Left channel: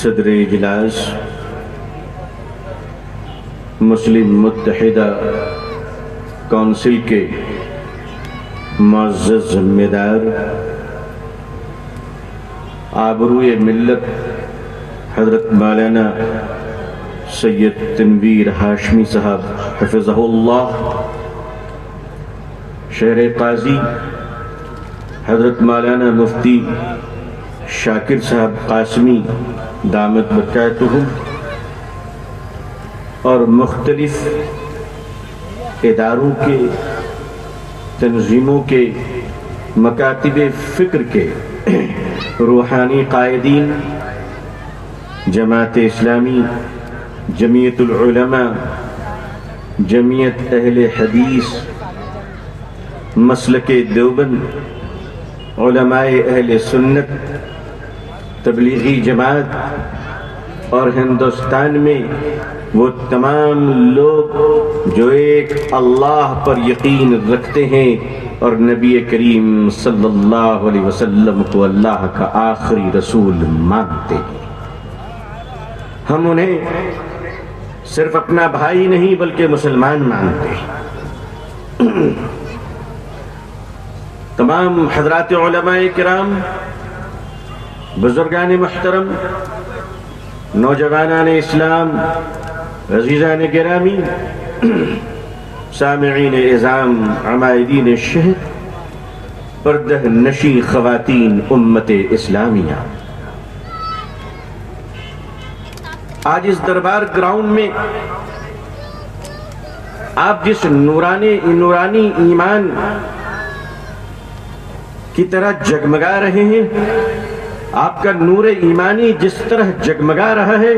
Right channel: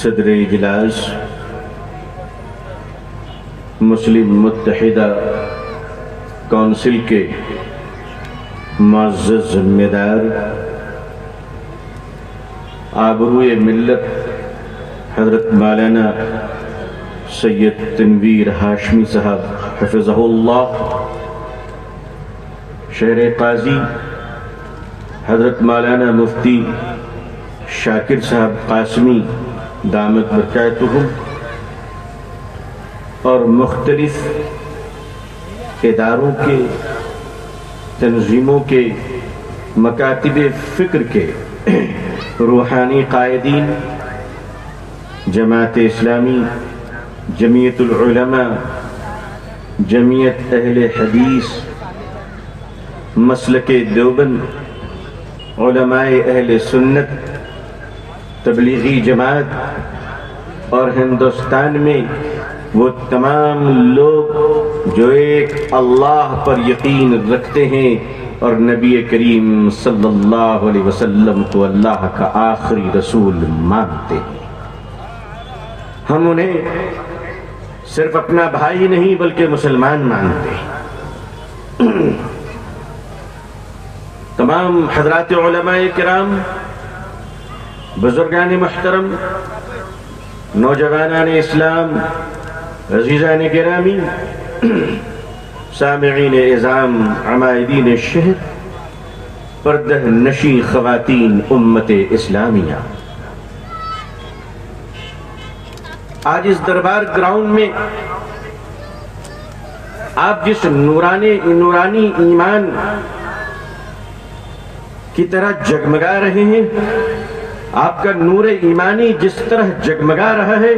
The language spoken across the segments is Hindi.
सदर इजलास मुस्लिम मुत्तहिदा काउंसिल के मुअज़्ज़ज़ ज़िम्मेदार, आबरूए मिल्लत हज़रत मौलाना सैयद तनवीर हाशमी साहब हफ़िज़हुल्लाह, शहर काजी हज़रत मौलाना मुफ्ती शाकिर साहब कासमी दामत बरकातुहू, और मुख्तलिफ इदारों के, तंजीमों के, मकातिब फ़िक्र के रूहानी कायदीन, जमात इस्लामी, जमीयतुल उलमा, जमीयत अहले हदीस, मसलके देवबंद, उलमाए अहले सुन्नत, तबलीगी जमात और हिंदुस्तान में वो तमाम लोग जो एक अल्लाह पर यकीन रखते हैं और नबी करीम सल्लल्लाहु अलैहि वसल्लम को अल्लाह का आखिरी रसूल मानते हैं। हम उन्हें सिर्फ अपना भाई नहीं बल्कि मुसलमान मानते हैं। तमाम हज़रात उलमाए किराम, बुजुर्गान मुहतरम, नौजवानान इस्लाम, अज़ीज़ान गिरामी, सामिईन इज़ाम, अमायदीन शहर, पर्दह नशी ख़वातीन उम्मत इस्लामिया, आज इस दरबार ग्राउंड में आप जिस नूरानी ईमान की तरह जगमगा रहे हैं, आपका नूर ईमानी जिस तरह जगमगा रहा है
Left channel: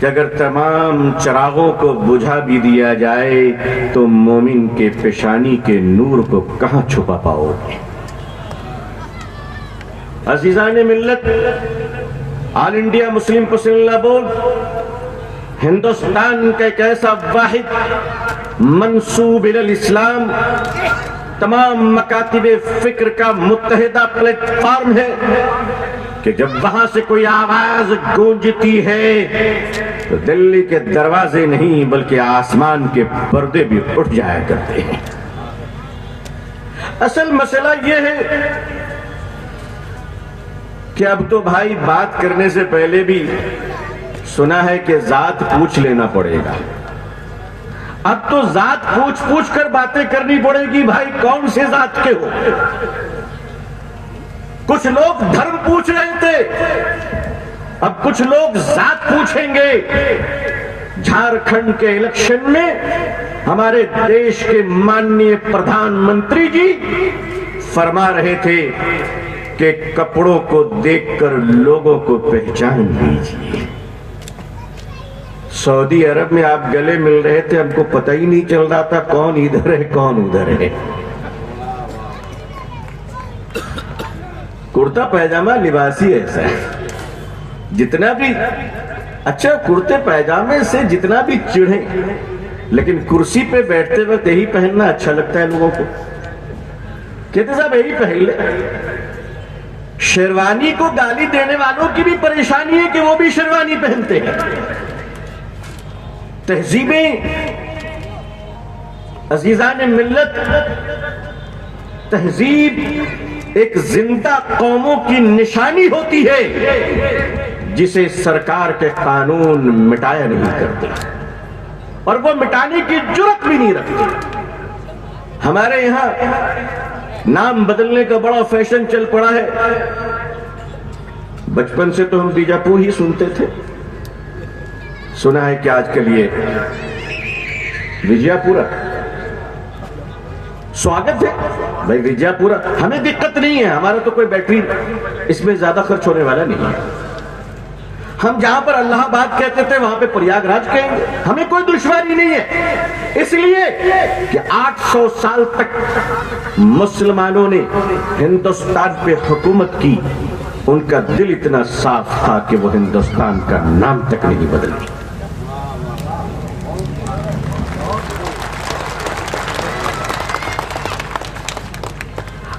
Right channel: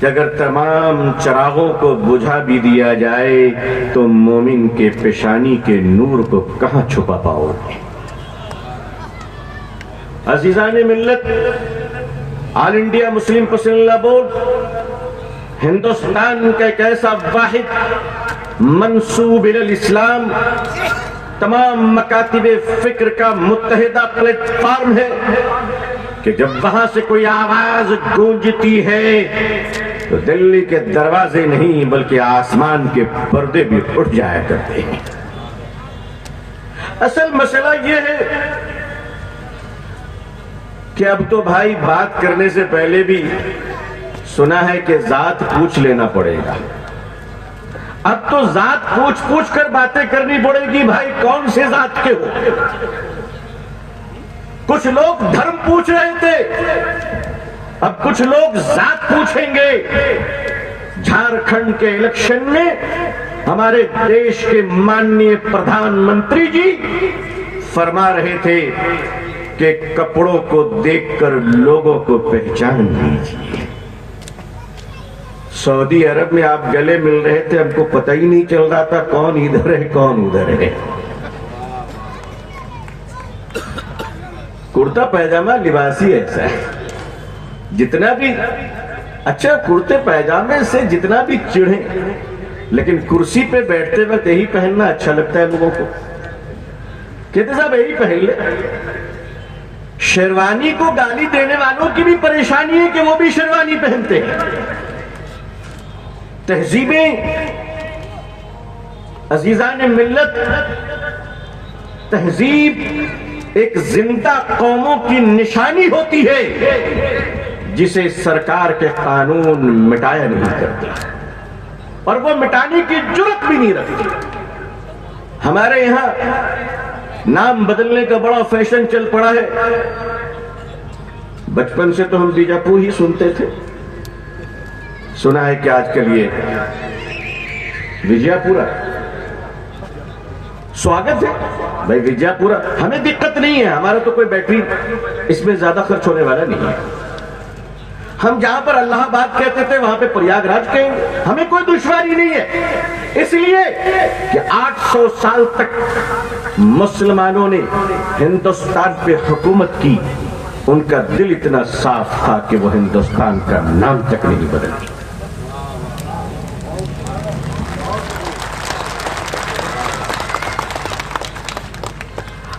कि अगर तमाम चिरागों को बुझा भी दिया जाए तो मोमिन के पेशानी के नूर को कहां छुपा पाओगे। अज़ीज़ान मिल्लत, all India Muslim personal board Hindustan का एक ऐसा वाहिद मंसूब इलल इस्लाम, तमाम मकातिब फिक्र का मुत्तहिदा प्लेटफॉर्म है कि जब वहां से कोई आवाज गूंजती है तो दिल्ली के दरवाजे नहीं बल्कि आसमान के पर्दे भी उठ जाया करते हैं। असल मसला यह है कि अब तो भाई बात करने से पहले भी सुना है कि जात पूछ लेना पड़ेगा। अब तो जात पूछ कर बातें करनी पड़ेगी, भाई कौन से जात के हो। कुछ लोग धर्म पूछ रहे थे, अब कुछ लोग जात पूछेंगे। झारखंड के इलेक्शन में हमारे देश के माननीय प्रधानमंत्री जी फरमा रहे थे कि कपड़ों को देखकर लोगों को पहचान लीजिए। सऊदी अरब में आप गले मिल रहे थे, हमको पता ही नहीं चल रहा था कौन इधर है कौन उधर है। कुर्ता पैजामा लिबासी ऐसा है, जितना भी अच्छा कुर्ते पैजामे से जितना भी चिढ़े, लेकिन कुर्सी पे बैठते वक्त यही पहनना अच्छा लगता है लोगों को। कहते साहब यही पहन ले। शेरवानी को गाली देने वालों की भी परेशानी है कि वो भी शेरवानी पहनते हैं। तहजीबें अजीजान मिल्लत, तहजीब एक जिंदा कौमों की निशानी होती है जिसे सरकार के कानून मिटाया नहीं करते और वो मिटाने की जुर्रत भी नहीं रखते। हमारे यहां नाम बदलने का बड़ा फैशन चल पड़ा है। बचपन से तो हम बीजापुर ही सुनते थे, सुना है कि आजकल ये विजयपुरा। स्वागत है भाई विजयपुरा, हमें दिक्कत नहीं है, हमारा तो कोई बैटरी इसमें ज्यादा खर्च होने वाला नहीं है। हम जहां पर इलाहाबाद कहते थे वहां पे प्रयागराज कहेंगे, हमें कोई दुश्वारी नहीं है। इसलिए कि 800 साल तक मुसलमानों ने हिंदुस्तान पे हुकूमत की, उनका दिल इतना साफ था कि वो हिंदुस्तान का नाम तक नहीं बदले।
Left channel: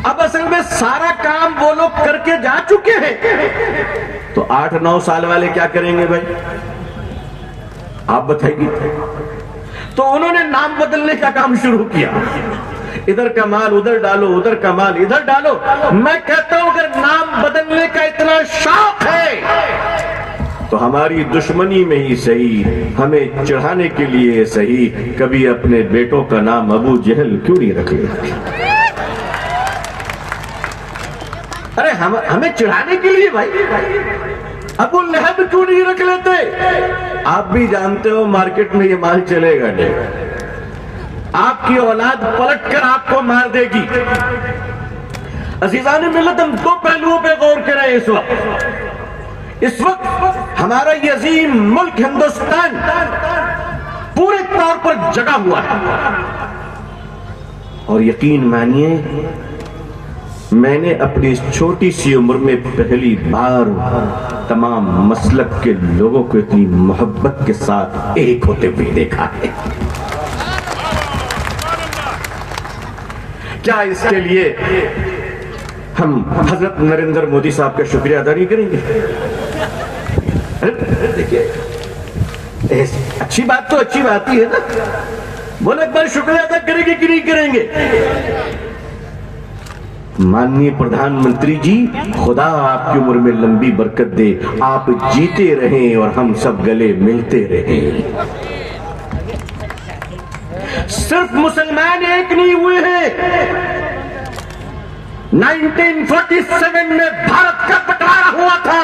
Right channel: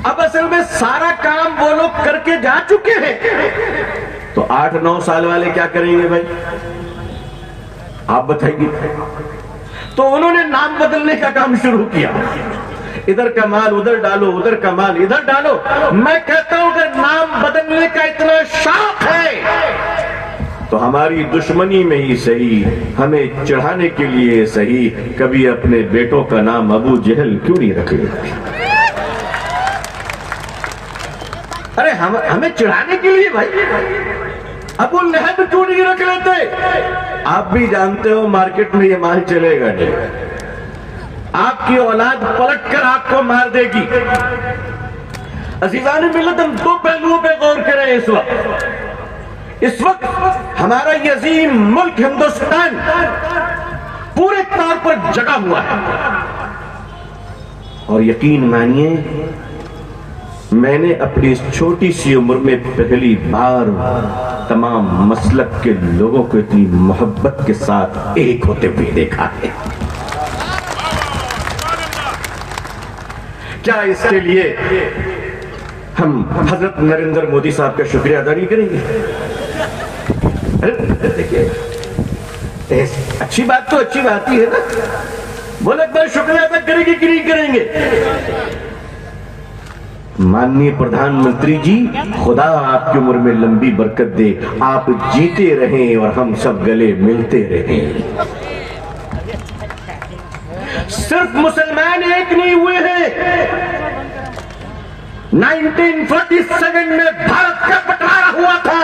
अब असल में सारा काम वो लोग करके जा चुके हैं, तो 8-9 साल वाले क्या करेंगे भाई, आप बताइए। तो उन्होंने नाम बदलने का काम शुरू किया, इधर का माल उधर डालो, उधर का माल इधर डालो। मैं कहता हूं अगर नाम बदलने का इतना शौक है तो हमारी दुश्मनी में ही सही, हमें चढ़ाने के लिए सही, कभी अपने बेटों का नाम अबू जहल क्यों नहीं रख लेते? अरे हमें चढ़ाने के लिए भाई अबू लहब क्यों नहीं रख लेते? आप भी जानते हो मार्केट में ये माल चलेगा नहीं, आपकी औलाद पलटकर आपको मार देगी। अजीजान मिल्लत, हम दो पहलुओं पे गौर करें। इस वक्त हमारा ये अजीम मुल्क हिंदुस्तान पूरे तौर पर जगा हुआ है और यकीन मानिए मैंने अपनी इस छोटी सी उम्र में पहली बार तमाम मसलक के लोगों को इतनी मोहब्बत के साथ एक होते हुए देखा है। क्या इसके लिए हम हजरत नरेंद्र मोदी साहब का शुक्रिया अदा नहीं करेंगे? देखिए अच्छी बात तो अच्छी बात ही है ना, बोले एक बार शुक्रिया अदा करेंगे कि नहीं करेंगे? माननीय प्रधानमंत्री जी, खुदा आपकी उम्र में लंबी बरकत दे, आप जीते रहें और हम सब गले मिलते रहें। सिर्फ मुसलमान एक नहीं हुए हैं। 1947 में भारत का बंटवारा हुआ था,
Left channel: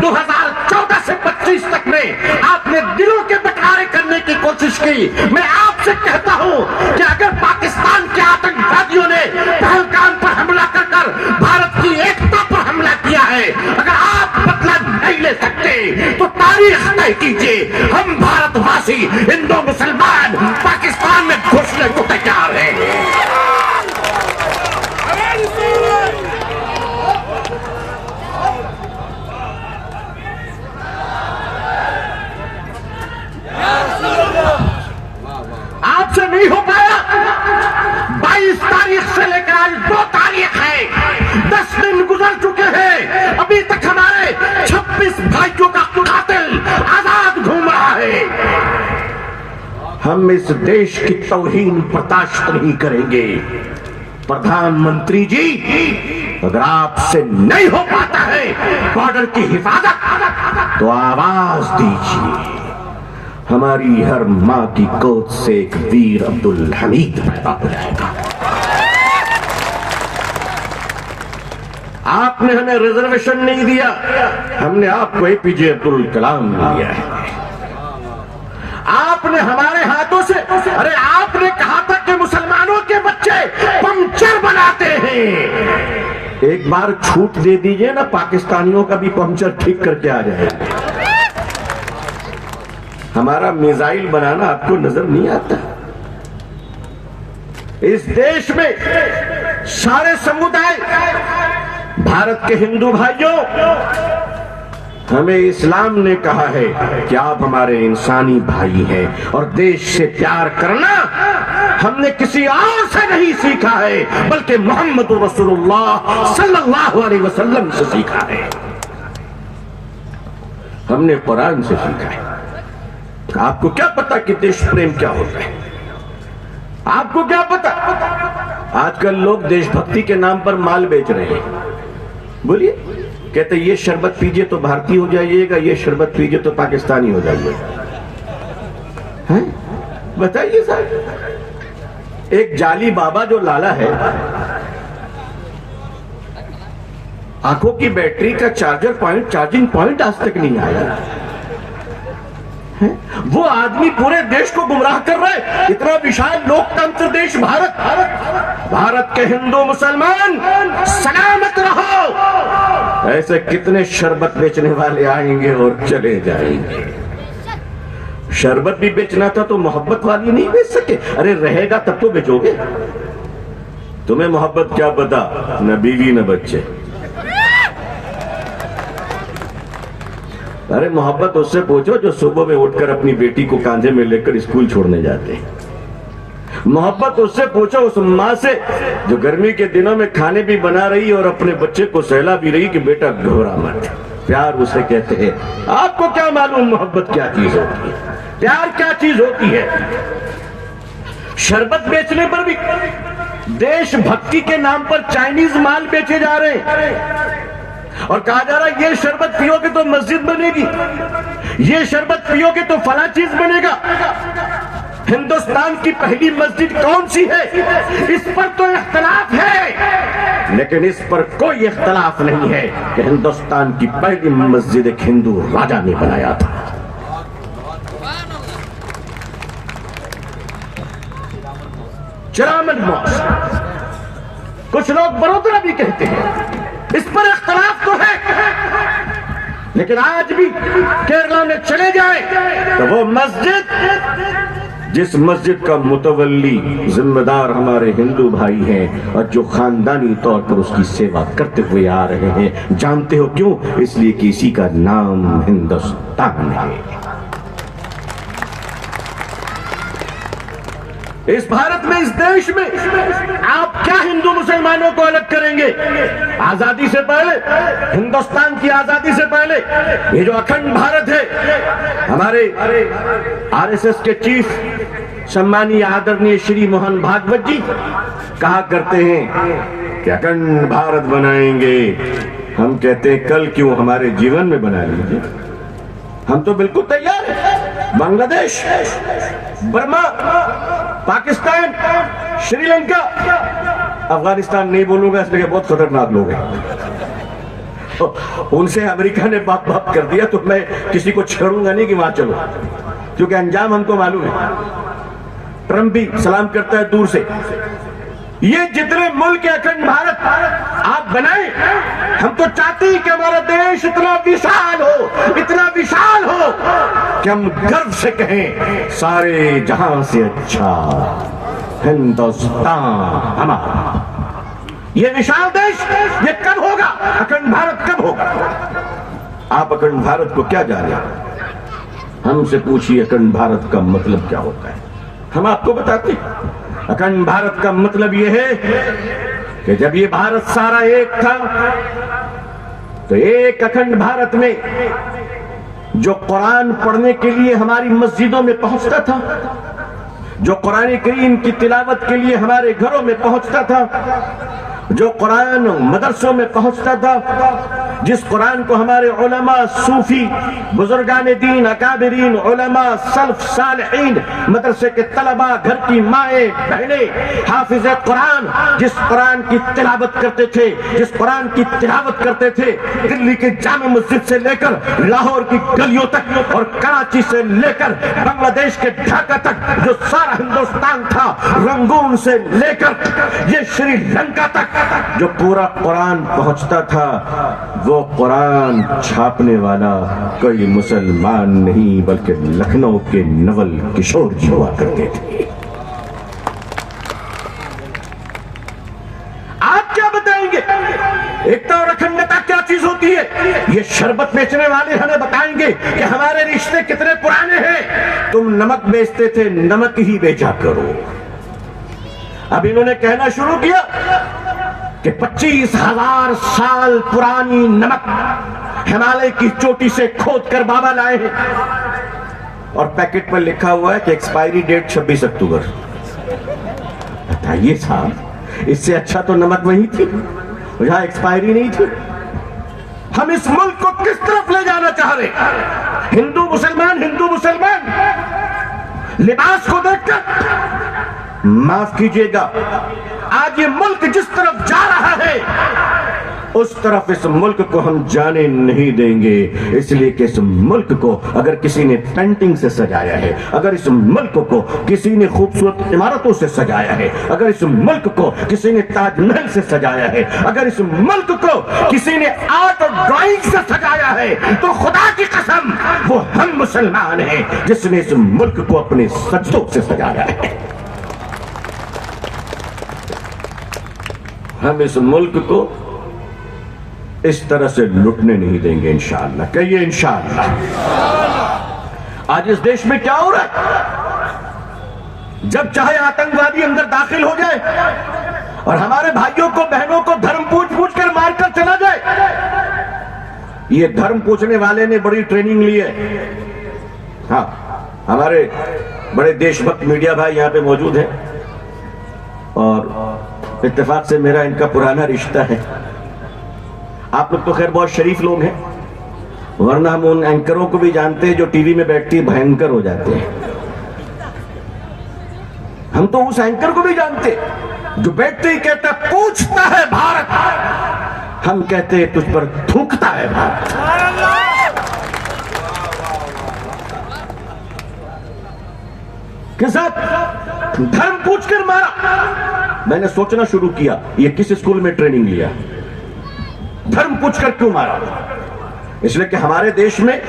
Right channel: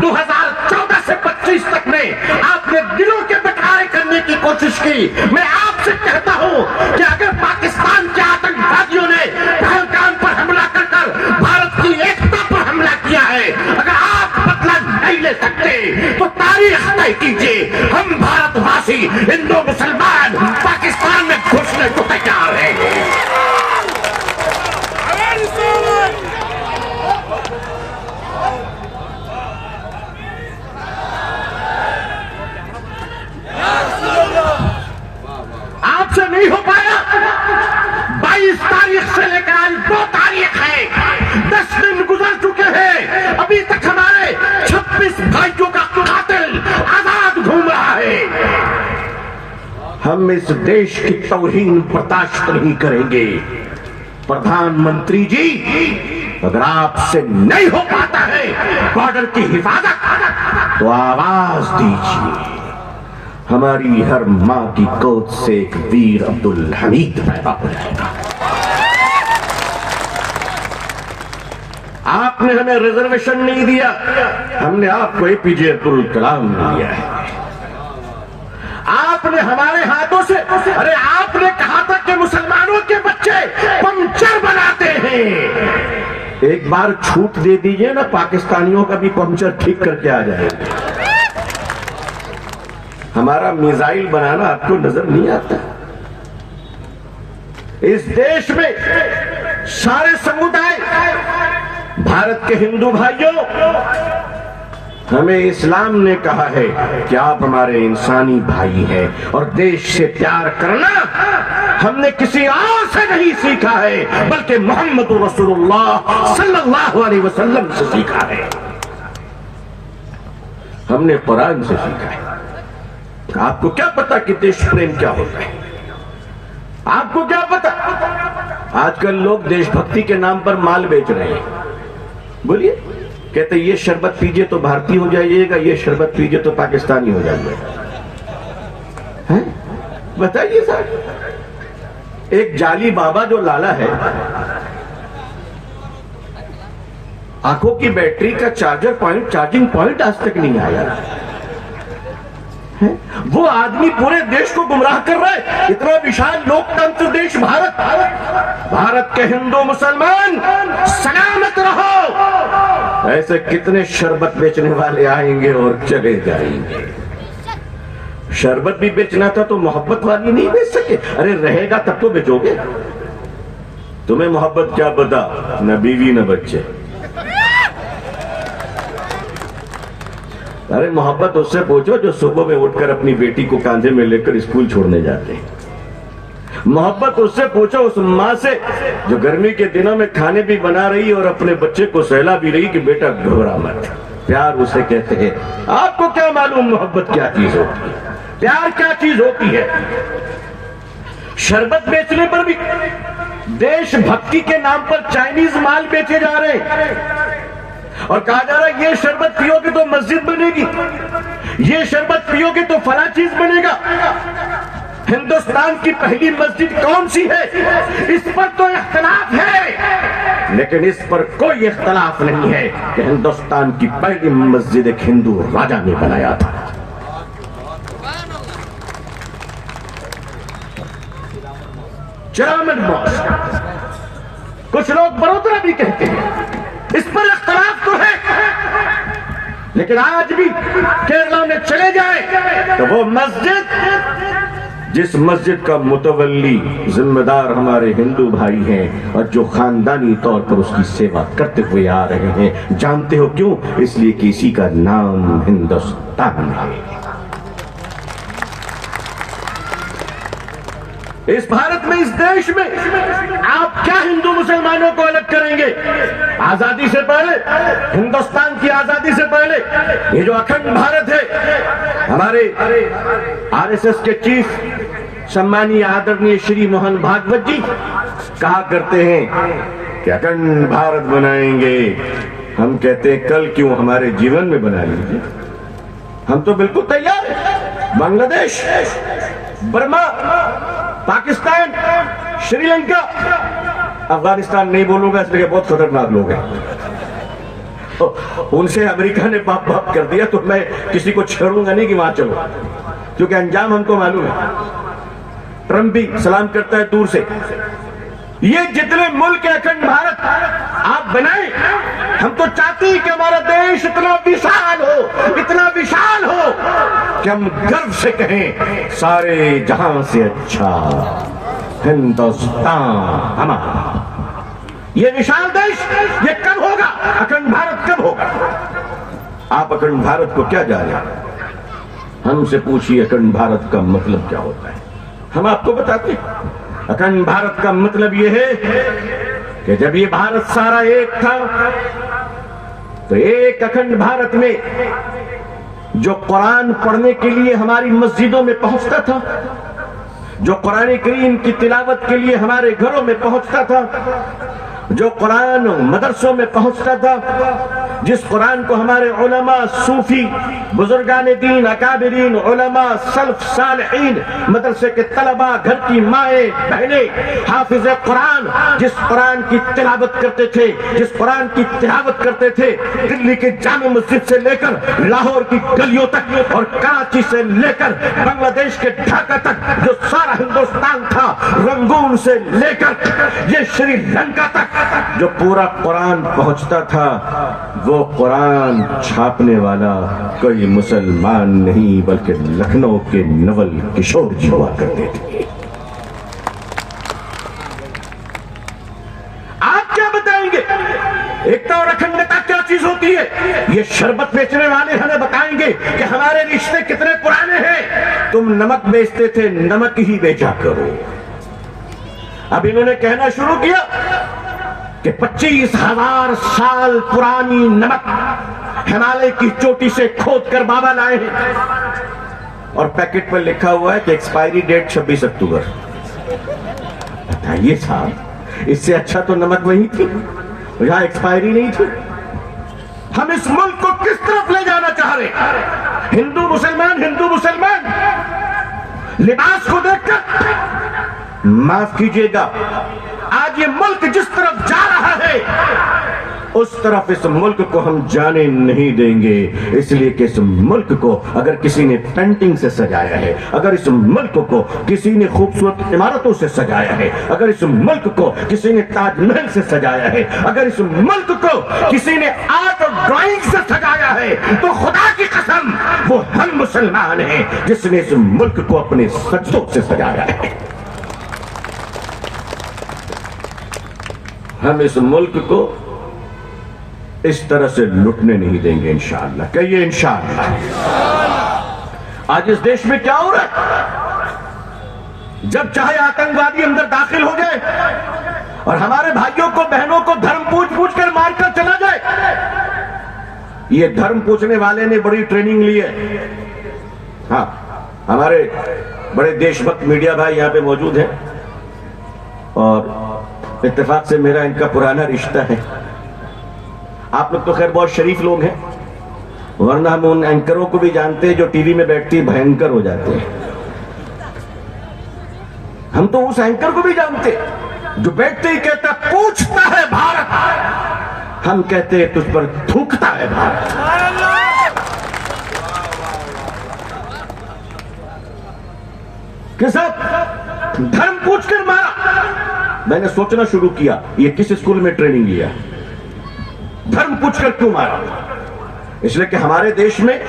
2014 से 25 तक में आपने दिलों के बंटवारे करने की कोशिश की। मैं आपसे कहता हूं कि अगर पाकिस्तान के आतंकवादियों ने पहलगाम पर हमला कर भारत की एकता पर हमला किया है, अगर आप बदला नहीं ले सकते तो तारीख तय कीजिए। हम भारतवासी हिंदू मुसलमान पाकिस्तान में घुसने को तैयार हैं। आपसे नहीं हो पाया। 22 तारीख से लेकर आज 2 तारीख है, 10 दिन गुजर चुके हैं, अभी तक हमारे 26 भाइयों का कातिल आजाद घूम रहा है। हम इस देश की तौहीन बर्दाश्त नहीं करेंगे। प्रधानमंत्री जी, अगर आपसे नहीं हो पाता है बॉर्डर की हिफाजत तो आवाज दीजिए। हमारी हर मां की गोद से एक वीर अब्दुल हमीद पैदा हो जाएगा। आपने हमें रिजर्वेशन नहीं दिया, हमने आपको एपीजे अब्दुल कलाम दिया है। आपने हमारे हाथों से, अरे आपने कहा था कि मुसलमानों के बच्चे पंचर बनाते हैं। एक बार छूट दे दीजिए ना, पाकिस्तानियों का भी पंचर ठीक करके आ जाएगा। हमारा मिसाइल बनाना आपको नजर नहीं आता? इस देश में सारे समुदाय, भारत के हिंदू भाइयों, हमें इस्लाम ने कहा है कि आप हमारे इंसानी भाई हैं, और देश से प्यार करना हमने किसी और से नहीं सीखा है, बल्कि मोहम्मद रसूलुल्लाह सल्लल्लाहु अलैहि वसल्लम से सीखा है। हमने कुरान से सीखा है। आपको क्या पता कि देश प्रेम क्या होता है? आपको क्या पता? आजकल लोग देशभक्ति के नाम पर माल बेच रहे हैं। बोलिए, कहते ये शरबत पीजिए तो भारतीय हो जाइएगा, ये शरबत पीजिए तो पाकिस्तानी हो जाइएगा। बताइए साहब, एक जाली बाबा जो लाला है, आंखों की बैटरी का चार्जिंग पॉइंट आज तक नहीं आया। वो आदमी पूरे देश को गुमराह कर रहा है। इतना विशाल लोकतंत्र देश भारत, भारत के हिंदू मुसलमान सलामत रहो। ऐसे कितने शरबत बेचने वाले आएंगे और चले जाएंगे। शरबत भी बेचना था तो मोहब्बत वाली नहीं बेच सके? अरे रहेगा तब तो बेचोगे। तुम्हें मोहब्बत क्या पता, न बीवी न बच्चे। अरे मोहब्बत उससे पूछो जो सुबह में उठकर अपनी बेटी को कांधे में लेकर स्कूल छोड़ने जाते हैं। मोहब्बत उससे पूछो उस माँ से जो गर्मी के दिनों में खाने भी बना रही और अपने बच्चे को सहला भी रही कि बेटा घबरा मत। प्यार उसे कहते हैं। आपको क्या मालूम मोहब्बत क्या चीज होती है, प्यार क्या चीज होती है? शरबत बेचने पर भी देशभक्ति के नाम पर चाइनीज माल बेचे जा रहे हैं और कहा जा रहा है ये शरबत पियोगे तो मस्जिद बनेगी, ये शरबत पियोगे तो फला चीज बनेगा। हिंदुस्तान की पहली मस्जिद कौन सी है? इस पर तो इख्तलाफ है, लेकिन इस पर कोई इख्तलाफ नहीं है कि हिंदुस्तान की पहली मस्जिद एक हिंदू राजा ने बनाया था। चरामन मॉस्क, कुछ लोग बड़ोदरा भी कहते हैं। इस पर इख्तलाफ तो है, लेकिन आज भी केरला में चले जाए तो वो मस्जिद, जिस मस्जिद का मुतवल्ली जिम्मेदार हमारे हिंदू भाई हैं और जो खानदानी तौर पर उसकी सेवा करते हुए आ रहे हैं, जानते हो क्यों? इसलिए कि इसी का नाम हिंदुस्तान है। इस भारत में, इस देश में आप क्या हिंदू मुसलमानों को अलग करेंगे? आजादी से पहले, हिंदुस्तान की आजादी से पहले, ये जो अखंड भारत है, हमारे आरएसएस के चीफ सम्मानीय आदरणीय श्री मोहन भागवत जी कहा करते हैं कि अखंड भारत बनाएंगे। हम कहते हैं कल क्यों, हमारे जीवन में बना लीजिए। हम तो बिल्कुल तैयार हैं। बांग्लादेश, बर्मा, पाकिस्तान, श्रीलंका, अफगानिस्तान नहीं बोलूंगा इसलिए बहुत खतरनाक लोग हैं। तो उनसे अमेरिका ने बाप बाप कर दिया तो मैं किसी को छेड़ूंगा नहीं कि वहां चलो, क्योंकि अंजाम हमको मालूम है। ट्रंप भी सलाम करता है दूर से। ये जितने मुल्क अखंड भारत आप बनाए, हम तो चाहते हैं कि हमारा देश इतना विशाल हो, इतना विशाल हो कि हम गर्व से कहें सारे जहां से अच्छा हिंदुस्तान हमारा। ये विशाल देश ये कब होगा? अखंड भारत कब होगा? आप अखंड भारत को क्या जाने? हमसे पूछिए अखंड भारत का मतलब क्या होता है, हम आपको बताते हैं। अखंड भारत का मतलब यह है कि जब ये भारत सारा एक था तो एक अखंड भारत में जो कुरान पढ़ने के लिए हमारी मस्जिदों में पहुंचता था, जो कुरान करीम की तिलावत के लिए हमारे घरों में पहुंचता था, जो कुरान मदरसों में पहुंचता था, जिस कुरान को हमारे उलमा, सूफी, बुजुर्गान दीन, अकाबिरीन, उलमा, सल्फ सालिहीन, मदरसे के तलबा, घर की माएँ बहनें, हाफिज कुरान, जिस कुरान की तिलावत करते थे, जिस कुरान की तिलावत करते थे, दिल्ली के जामे मस्जिद से लेकर लाहौर की गलियों तक और कराची से लेकर बांग्लादेश के ढाका तक, जो सारा हिंदुस्तान था, रंगून से लेकर ये श्रीलंका तक जो पूरा कुरान पहुंचता था, वो कुरान छापने वाला कोई मुसलमान नहीं बल्कि लखनऊ के नवल किशोर जी हुआ करते थे। आप क्या बताएंगे एकता और अखंडता क्या चीज होती है? ये शरबत बेचने वाले हमें बताएंगे कि हमारे रिश्ते कितने पुराने हैं। तुम नमक बेचते थे, नमक ही बेचा करो। अब इन्होंने कहना शुरू किया कि 25,000 साल पुरानी नमक हिमालय की चोटी से खोद कर बाबा लाए हैं और पैकेट पर लिखा हुआ है कि एक्सपायरी डेट 26 अक्टूबर। बताइए साहब, इससे अच्छा तो नमक वही थी, यहां एक्सपायरी नहीं थी। हम इस मुल्क को किस तरफ ले जाना चाह रहे? हिंदू मुसलमान लिबास को देखकर माफ कीजिएगा, आज ये मुल्क जिस तरफ जा रहा है उस तरफ इस मुल्क को हम जाने नहीं देंगे। इसलिए कि इस मुल्क को अगर किसी ने पेंटिंग से सजाया है, अगर इस मुल्क को किसी ने खूबसूरत इमारतों से सजाया है, अगर इस मुल्क को किसी ने ताजमहल से सजाया है, अगर इस मुल्क को किसी ने आर्ट और ड्राइंग से सजाया है, तो खुदा की कसम वो हम मुसलमान हैं जिसने इस मुल्क को अपने सजदों से सजाया है। हम इस मुल्क को इस तरह से लुटने नहीं देंगे इंशाअल्लाह। कहिए इंशाअल्लाह। आज इस देश में क्या हो रहा है? जब चाहे आतंकवादी अंदर दाखिल हो जाए और हमारे भाइयों को, बहनों को धर्म पूछ कर मारकर चला जाए। ये धर्म पूछने वाले ने बड़ी ट्रेनिंग ली है। हाँ, हमारे बड़े देशभक्त मीडिया भाई यहां पे मौजूद हैं और इत्तेफाक से मेरा इनका पुराना रिश्ता है। आप लोग तो खैर बहुत शरीफ लोग हैं, वरना हम उन एंकरों को भी जानते हैं जो टीवी में बैठते भयंकर हो जाते हैं। हम तो उस एंकर को भी जानते जो बैठते ही कहता पूछता है भारत, हम कहते हैं तुझ पर थूकता है भारत। किस धर्म पूछकर मारा। मैंने सोचना शुरू किया ये किस स्कूल में ट्रेनिंग लिया, धर्म पूछकर क्यों मारा? इसलिए कि हमारे देश में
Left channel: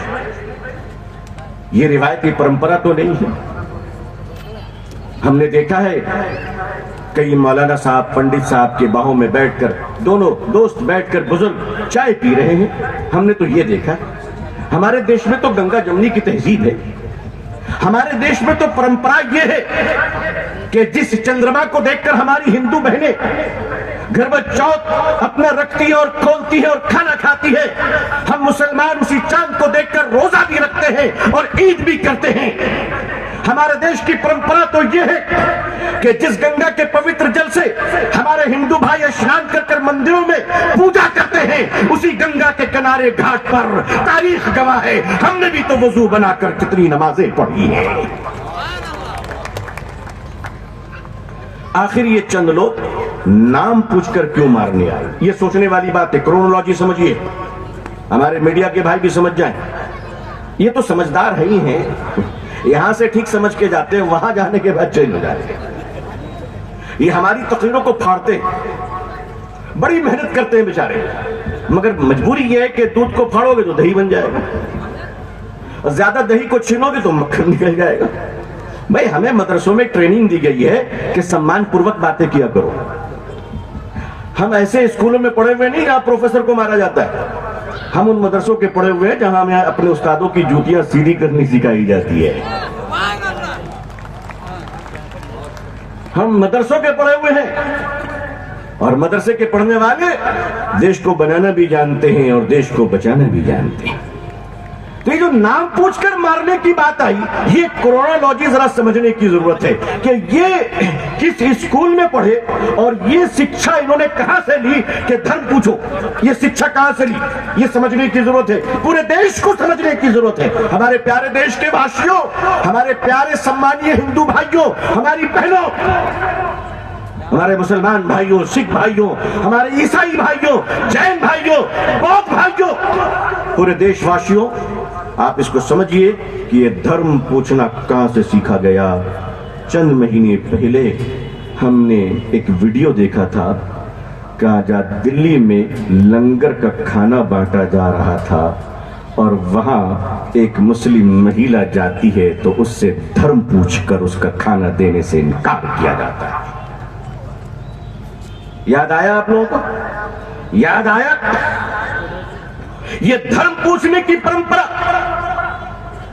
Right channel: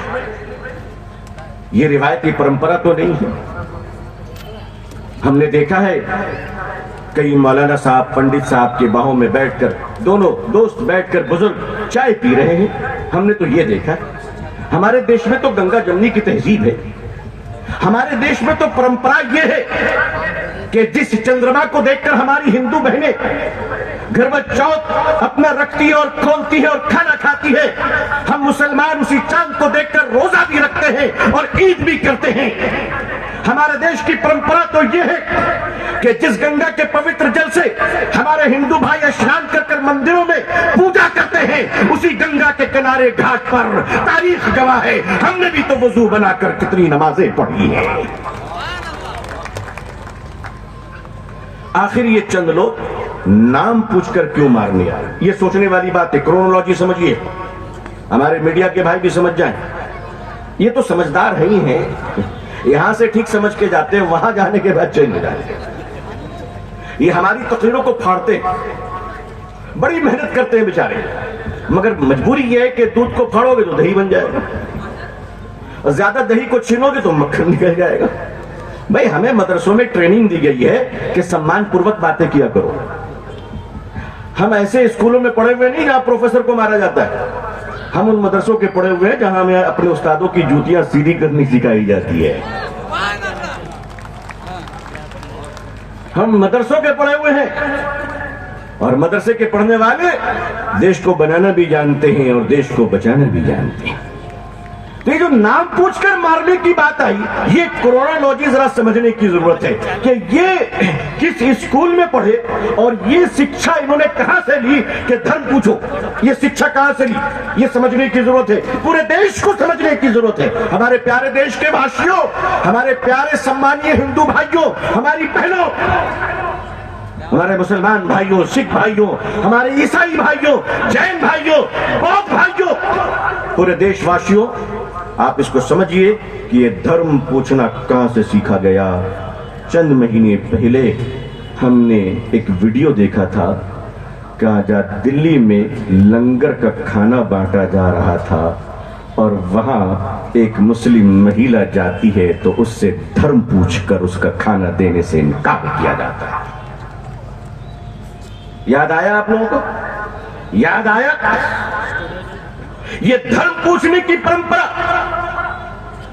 ये रिवायती परंपरा तो नहीं है। हमने देखा है कई मौलाना साहब, पंडित साहब के बाहों में बैठकर दोनों दोस्त बैठकर बुजुर्ग चाय पी रहे हैं। हमने तो ये देखा। हमारे देश में तो गंगा जमुनी की तहजीब है। हमारे देश में तो परंपरा ये है कि जिस चंद्रमा को देखकर हमारी हिंदू बहनें घर में चौथ अपना रखती है और खोलती है और खाना खाती है, हम मुसलमान उसी चांद को देखकर रोजा भी रखते हैं और ईद भी करते हैं। हमारे देश की परंपरा तो यह है कि जिस गंगा के पवित्र जल से हमारे हिंदू भाई स्नान कर मंदिरों में पूजा करते हैं, उसी गंगा के किनारे घाट पर तारीख गवाह है हमने भी तो वजू बनाकर कितनी नमाजें पढ़ी है। आखिर ये चंद लोग नाम पूछकर क्यों मारने आए, ये सोचने वाली बात है। क्रोनोलॉजी समझिए, हमारे मीडिया के भाई भी समझ जाएं। ये तो समझदार है ही हैं, यहां से ठीक समझ के जाते हैं, वहां जाने के बाद चेंज हो जाते हैं। ये हमारी तकरीरों को फाड़ते हैं, बड़ी मेहनत करते हैं बेचारे, मगर मजबूरी ये है कि दूध को फाड़ोगे तो दही बन जाएगा और ज्यादा दही को छीनोगे तो मक्खन निकल जाएगा। भाई हमें मदरसों में ट्रेनिंग दी गई है कि सम्मान पूर्वक बातें किया करो। हम ऐसे स्कूलों में पढ़े हुए नहीं जहां प्रोफेसर को मारा जाता है, हम उन मदरसों के पढ़े हुए हैं जहां हमें अपने उस्तादों की जूतियां सीधी करनी सिखाई जाती है। हम मदरसों के पढ़े हुए हैं और मदरसे के पढ़ने वाले देश को बनाना भी जानते हैं और देश को बचाना भी जानते हैं। तो ये जो नाम पूछकर मारने की बात आई, ये कोरोनालॉजी जरा समझने की जरूरत है कि ये किस स्कूल में पढ़े और ये शिक्षा इन्होंने कहां से ली कि धर्म पूछो। ये शिक्षा कहां से ली, ये समझने की जरूरत है, पूरे देश को समझने की जरूरत है। हमारे प्यारे देश के वासियों, हमारे प्यारे सम्मानीय हिंदू भाइयों, हमारी बहनों, हमारे मुसलमान भाइयों, सिख भाइयों, हमारे ईसाई भाइयों, जैन भाइयों, बौद्ध भाइयों, पूरे देशवासियों, आप इसको समझिए कि ये धर्म पूछना कहां से सीखा गया। चंद महीने पहले हमने एक वीडियो देखा था कि जहां दिल्ली में लंगर का खाना बांटा जा रहा था और वहां एक मुस्लिम महिला जाती है तो उससे धर्म पूछकर उसका खाना देने से इनकार किया जाता है। याद आया आप लोगों को? याद आया? ये धर्म पूछने की परंपरा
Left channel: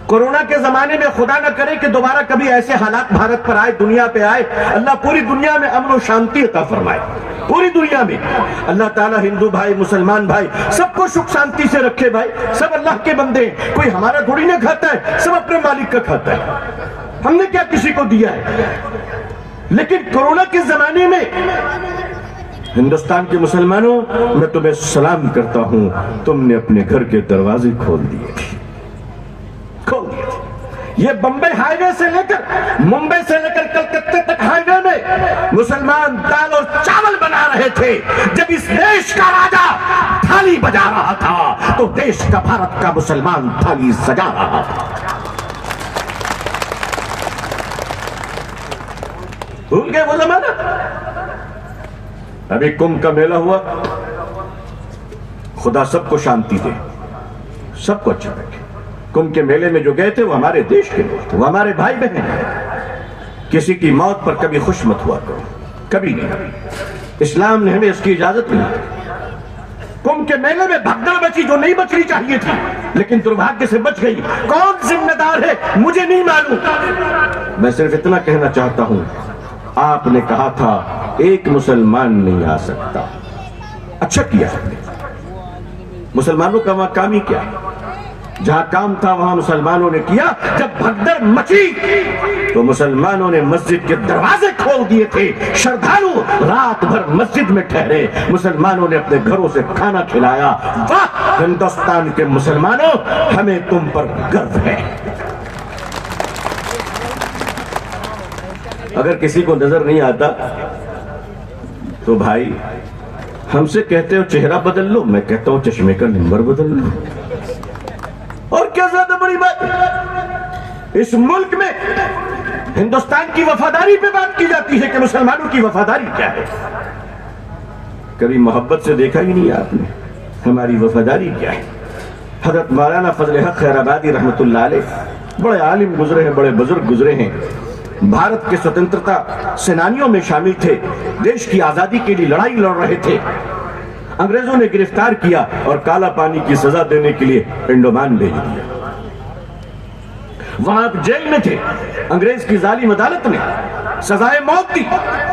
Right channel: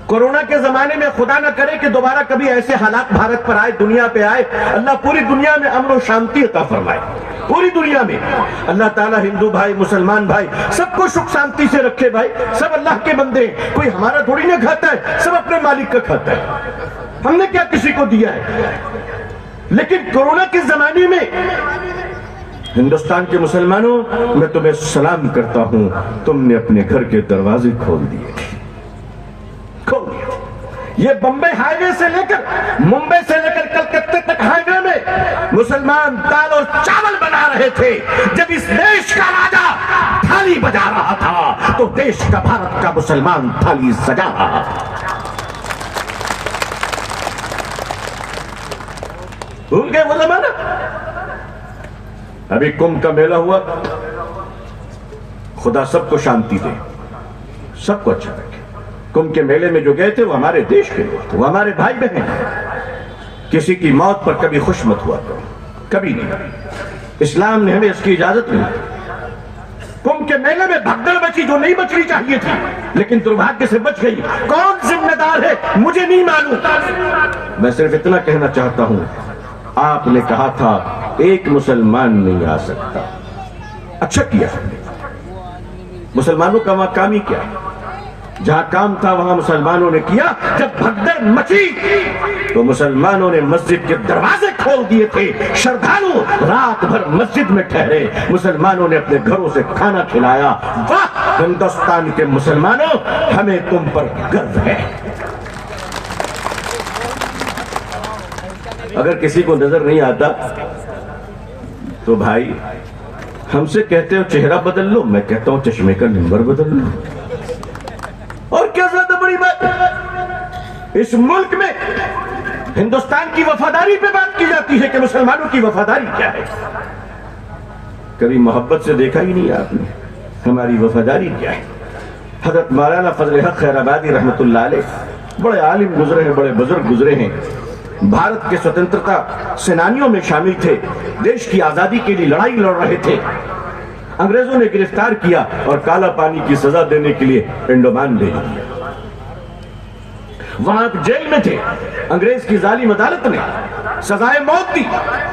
कोरोना के जमाने में, खुदा न करे कि दोबारा कभी ऐसे हालात भारत पर आए, दुनिया पे आए। अल्लाह पूरी दुनिया में अमन और शांति अता फरमाए। पूरी दुनिया में अल्लाह ताला हिंदू भाई, मुसलमान भाई, सबको सुख शांति से रखे। भाई सब अल्लाह के बंदे हैं, कोई हमारा थोड़ी ना खाता है, सब अपने मालिक का खाता है। हमने क्या किसी को दिया है? लेकिन कोरोना के जमाने में हिंदुस्तान के मुसलमानों, मैं तुम्हें सलाम करता हूं, तुमने अपने घर के दरवाजे खोल दिए थे, खोल दिए थे। ये बंबई हाईवे से लेकर, मुंबई से लेकर कलकत्ते तक हाईवे में मुसलमान दाल और चावल बना रहे थे। जब इस देश का राजा थाली बजा रहा था तो देश का, भारत का मुसलमान थाली सजा रहा था। भूल गए वो जमाना? अभी कुंभ का मेला हुआ, खुदा सबको शांति दे, सबको अच्छा रखे। कुंभ के मेले में जो गए थे वो हमारे देश के लोग थे, वो हमारे भाई बहन। किसी की मौत पर कभी खुश मत हुआ करो, कभी नहीं। इस्लाम ने हमें इसकी इजाजत नहीं दी। कुंभ के मेले में भगदड़ बची जो नहीं बचनी चाहिए थी, लेकिन दुर्भाग्य से बच गई। कौन जिम्मेदार है मुझे नहीं मालूम। मैं सिर्फ इतना कहना चाहता हूं, आपने कहा था एक मुसलमान नहीं आ सकता, अच्छा किया आपने। मुसलमानों का वहां काम ही क्या है? जहां काम था वहां मुसलमानों ने किया। जब भगदड़ मची तो मुसलमानों ने मस्जिद के दरवाजे खोल दिए थे। श्रद्धालु रात भर मस्जिद में ठहरे, मुसलमानों ने अपने घरों से खाना खिलाया। वाह हिंदुस्तान के मुसलमानों, हमें तुम पर गर्व है। अगर किसी को नजर नहीं आता तो भाई हमसे कहते हो चेहरा बदल लो, मैं कहता हूं चश्मे का नंबर बदल लो। और क्या ज्यादा बड़ी बात? इस मुल्क में हिंदुस्तान की वफादारी पे बात की जाती है कि मुसलमानों की वफादारी क्या है। कभी मोहब्बत से देखा ही नहीं आपने हमारी वफादारी क्या है। हजरत मौलाना फजल हक खैराबादी रहमतुल्लाह अलैह बड़े आलिम गुजरे हैं, बड़े बुजुर्ग गुजरे हैं। भारत के स्वतंत्रता सेनानियों में शामिल थे, देश की आजादी के लिए लड़ाई लड़ रहे थे। अंग्रेजों ने गिरफ्तार किया और काला पानी की सजा देने के लिए अंडमान भेज दिया। वहां जेल में थे, अंग्रेज की जालिम अदालत ने सजाए मौत दी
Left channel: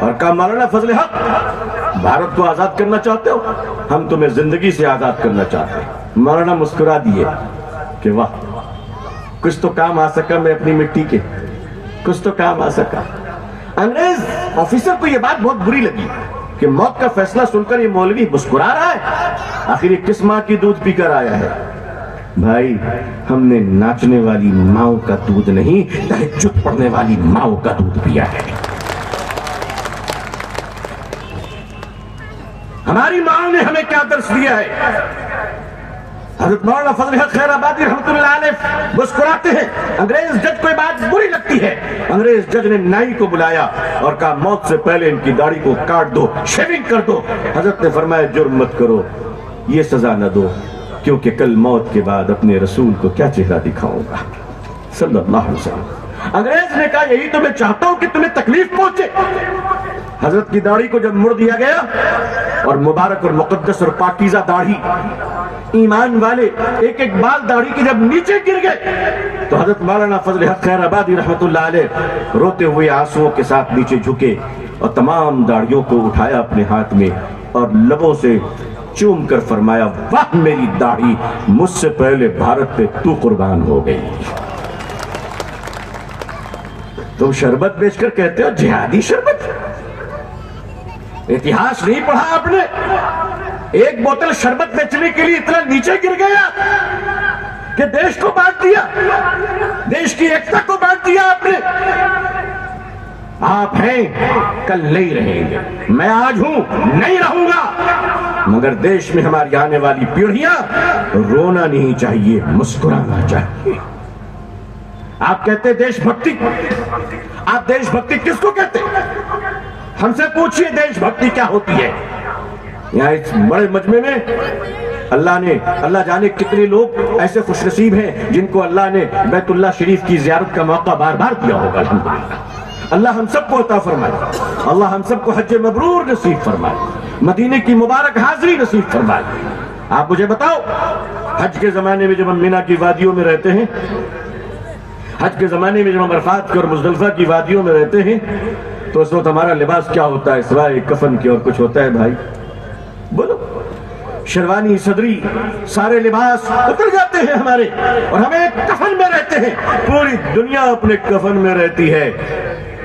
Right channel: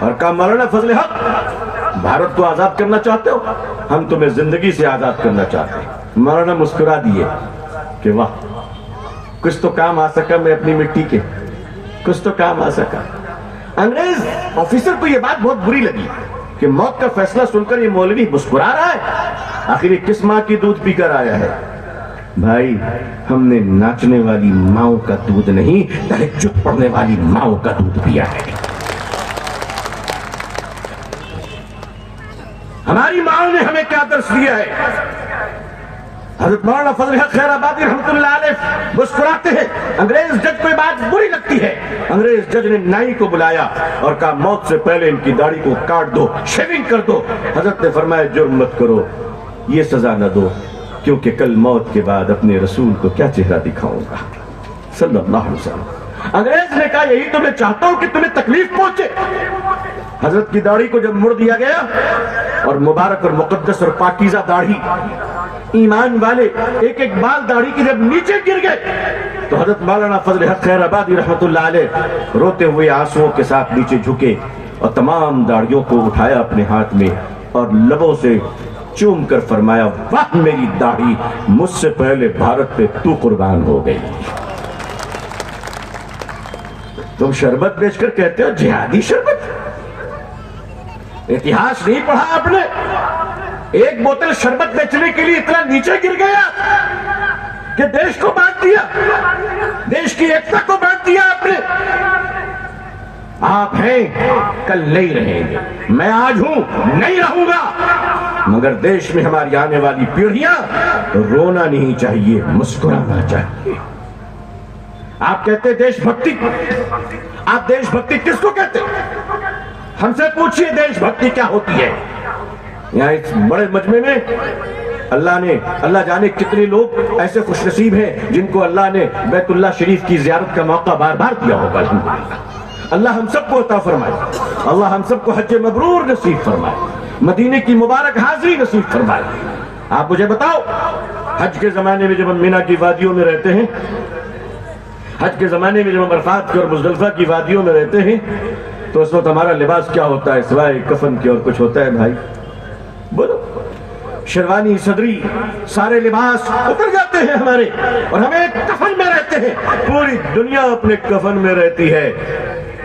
और कहा मौलाना फजल हक भारत को आजाद करना चाहते हो, हम तुम्हें जिंदगी से आजाद करना चाहते हैं। मौलाना मुस्कुरा दिए कि वाह कुछ तो काम आ सका, मैं अपनी मिट्टी के कुछ तो काम आ सका। अंग्रेज ऑफिसर को यह बात बहुत बुरी लगी कि मौत का फैसला सुनकर ये मौलवी मुस्कुरा रहा है, आखिर ये किस मां की दूध पीकर आया है। भाई हमने नाचने वाली माओ का दूध नहीं, तहज्जुद पढ़ने वाली माओ का दूध पिया है। हमारी माओ ने हमें क्या दर्श दिया है। हज़रत मौलाना फजल हक खैराबादी रहमतुल्लाह अलैह मुस्कुराते हैं। अंग्रेज जज को बात बुरी लगती है। अंग्रेज जज ने नाई को बुलाया और कहा मौत से पहले इनकी दाढ़ी को काट दो, शेविंग कर दो। हजरत ने फरमाया जुर्म मत करो, ये सजा न दो, क्योंकि कल मौत के बाद अपने रसूल को क्या चेहरा दिखाऊंगा सल्लल्लाहु अलैहि वसल्लम। अंग्रेज ने कहा यही तो मैं चाहता हूं कि तुम्हें तकलीफ पहुंचे। हजरत की दाढ़ी को जब मुड़ दिया गया और मुबारक और मुकद्दस और पाकीज़ा दाढ़ी, ईमान वाले एक एक बाल दाढ़ी के जब नीचे गिर गए तो हजरत मौलाना फजल हक खैराबादी रहमतुल्लाह अलैह रोते हुए आंसुओं के साथ नीचे झुके और तमाम दाढ़ियों को उठाया अपने हाथ में और लबों से चूम कर फरमाया, वाह मेरी दाढ़ी, मुझसे पहले भारत पे तू कुर्बान हो गई। तुम शरबत बेचकर कहते हो जिहादी शरबत। इतिहास नहीं पढ़ा आपने? एक बोतल शरबत बेचने के लिए इतना नीचे गिर गया कि देश को बांट दिया, देश की एकता को बांट दिया आपने। आप हैं, कल नहीं रहेंगे। मैं आज हूं, नहीं रहूंगा, मगर देश में हमारी आने वाली पीढ़ियां रोना नहीं चाहिए, मुस्कुराना चाहिए। आप कहते देशभक्ति, आप देशभक्ति किसको कहते? हमसे पूछिए देशभक्ति क्या होती है। यहाँ इस बड़े मजमे में अल्लाह जाने कितने लोग ऐसे खुशनसीब हैं जिनको अल्लाह ने बैतुल्लाह शरीफ की जियारत का मौका बार बार दिया होगा। अल्हम्दुलिल्लाह, अल्लाह हम सबको अता फरमाए, अल्लाह हम सबको हज मबरूर नसीब फरमाए, मदीने की मुबारक हाजिरी नसीब फरमाए। आप मुझे बताओ, हज के जमाने में जब हम मीना की वादियों में रहते हैं, हज के जमाने में जब हम अरफात की और मुज़दलिफा की वादियों में रहते हैं, तो उस वक्त हमारा लिबास क्या होता है सिवाय कफन के? और कुछ होता है भाई? बोलो। शेरवानी, सदरी, सारे लिबास उतर जाते हैं हमारे, और हमें कफन में रहते हैं। पूरी दुनिया अपने कफन में रहती है,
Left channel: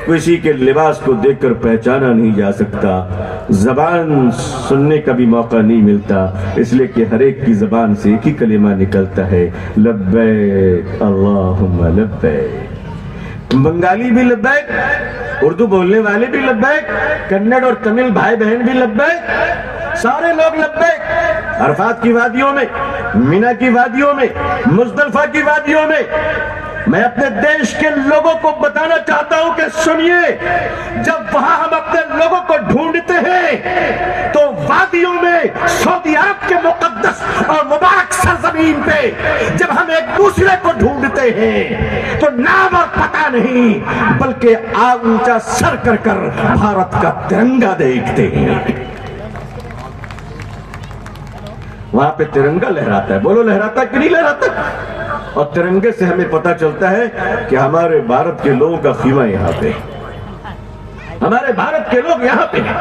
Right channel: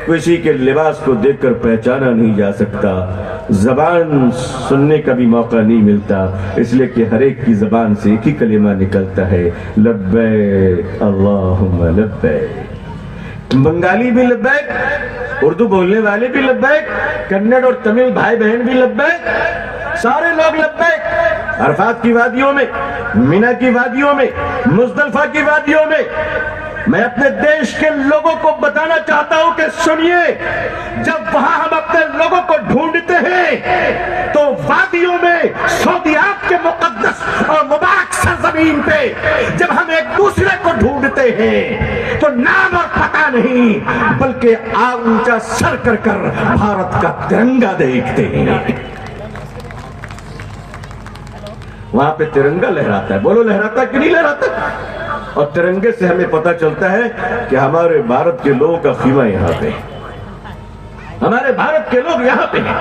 किसी के लिबास को देखकर पहचाना नहीं जा सकता, जबान सुनने का भी मौका नहीं मिलता, इसलिए कि हर एक की जबान से एक ही कलिमा निकलता है, लब्बैक अल्लाहुम्मा लब्बैक। बंगाली भी लब्बैक, उर्दू बोलने वाले भी लब्बैक, कन्नड़ और तमिल भाई बहन भी लब्बैक, सारे लोग लब्बैक। अरफात की वादियों में, मीना की वादियों में, मुज़दलिफा की वादियों में मैं अपने देश के लोगों को बताना चाहता हूं कि सुनिए, जब वहां हम अपने लोगों को ढूंढते हैं तो वादियों में, सऊदी अरब के मुकद्दस और मुबारक सरजमीन पे जब हम एक दूसरे को ढूंढते हैं तो नाम और पता नहीं बल्कि आग ऊंचा सर कर कर भारत का तिरंगा देखते हैं। वहां पे तिरंगा लहराता है, बोलो लहराता है कि नहीं लहराता? और तिरंगे से हमें पता चलता है कि हमारे भारत के लोगों का खीमा यहां पे, हमारे भारत के लोग यहां पे हैं।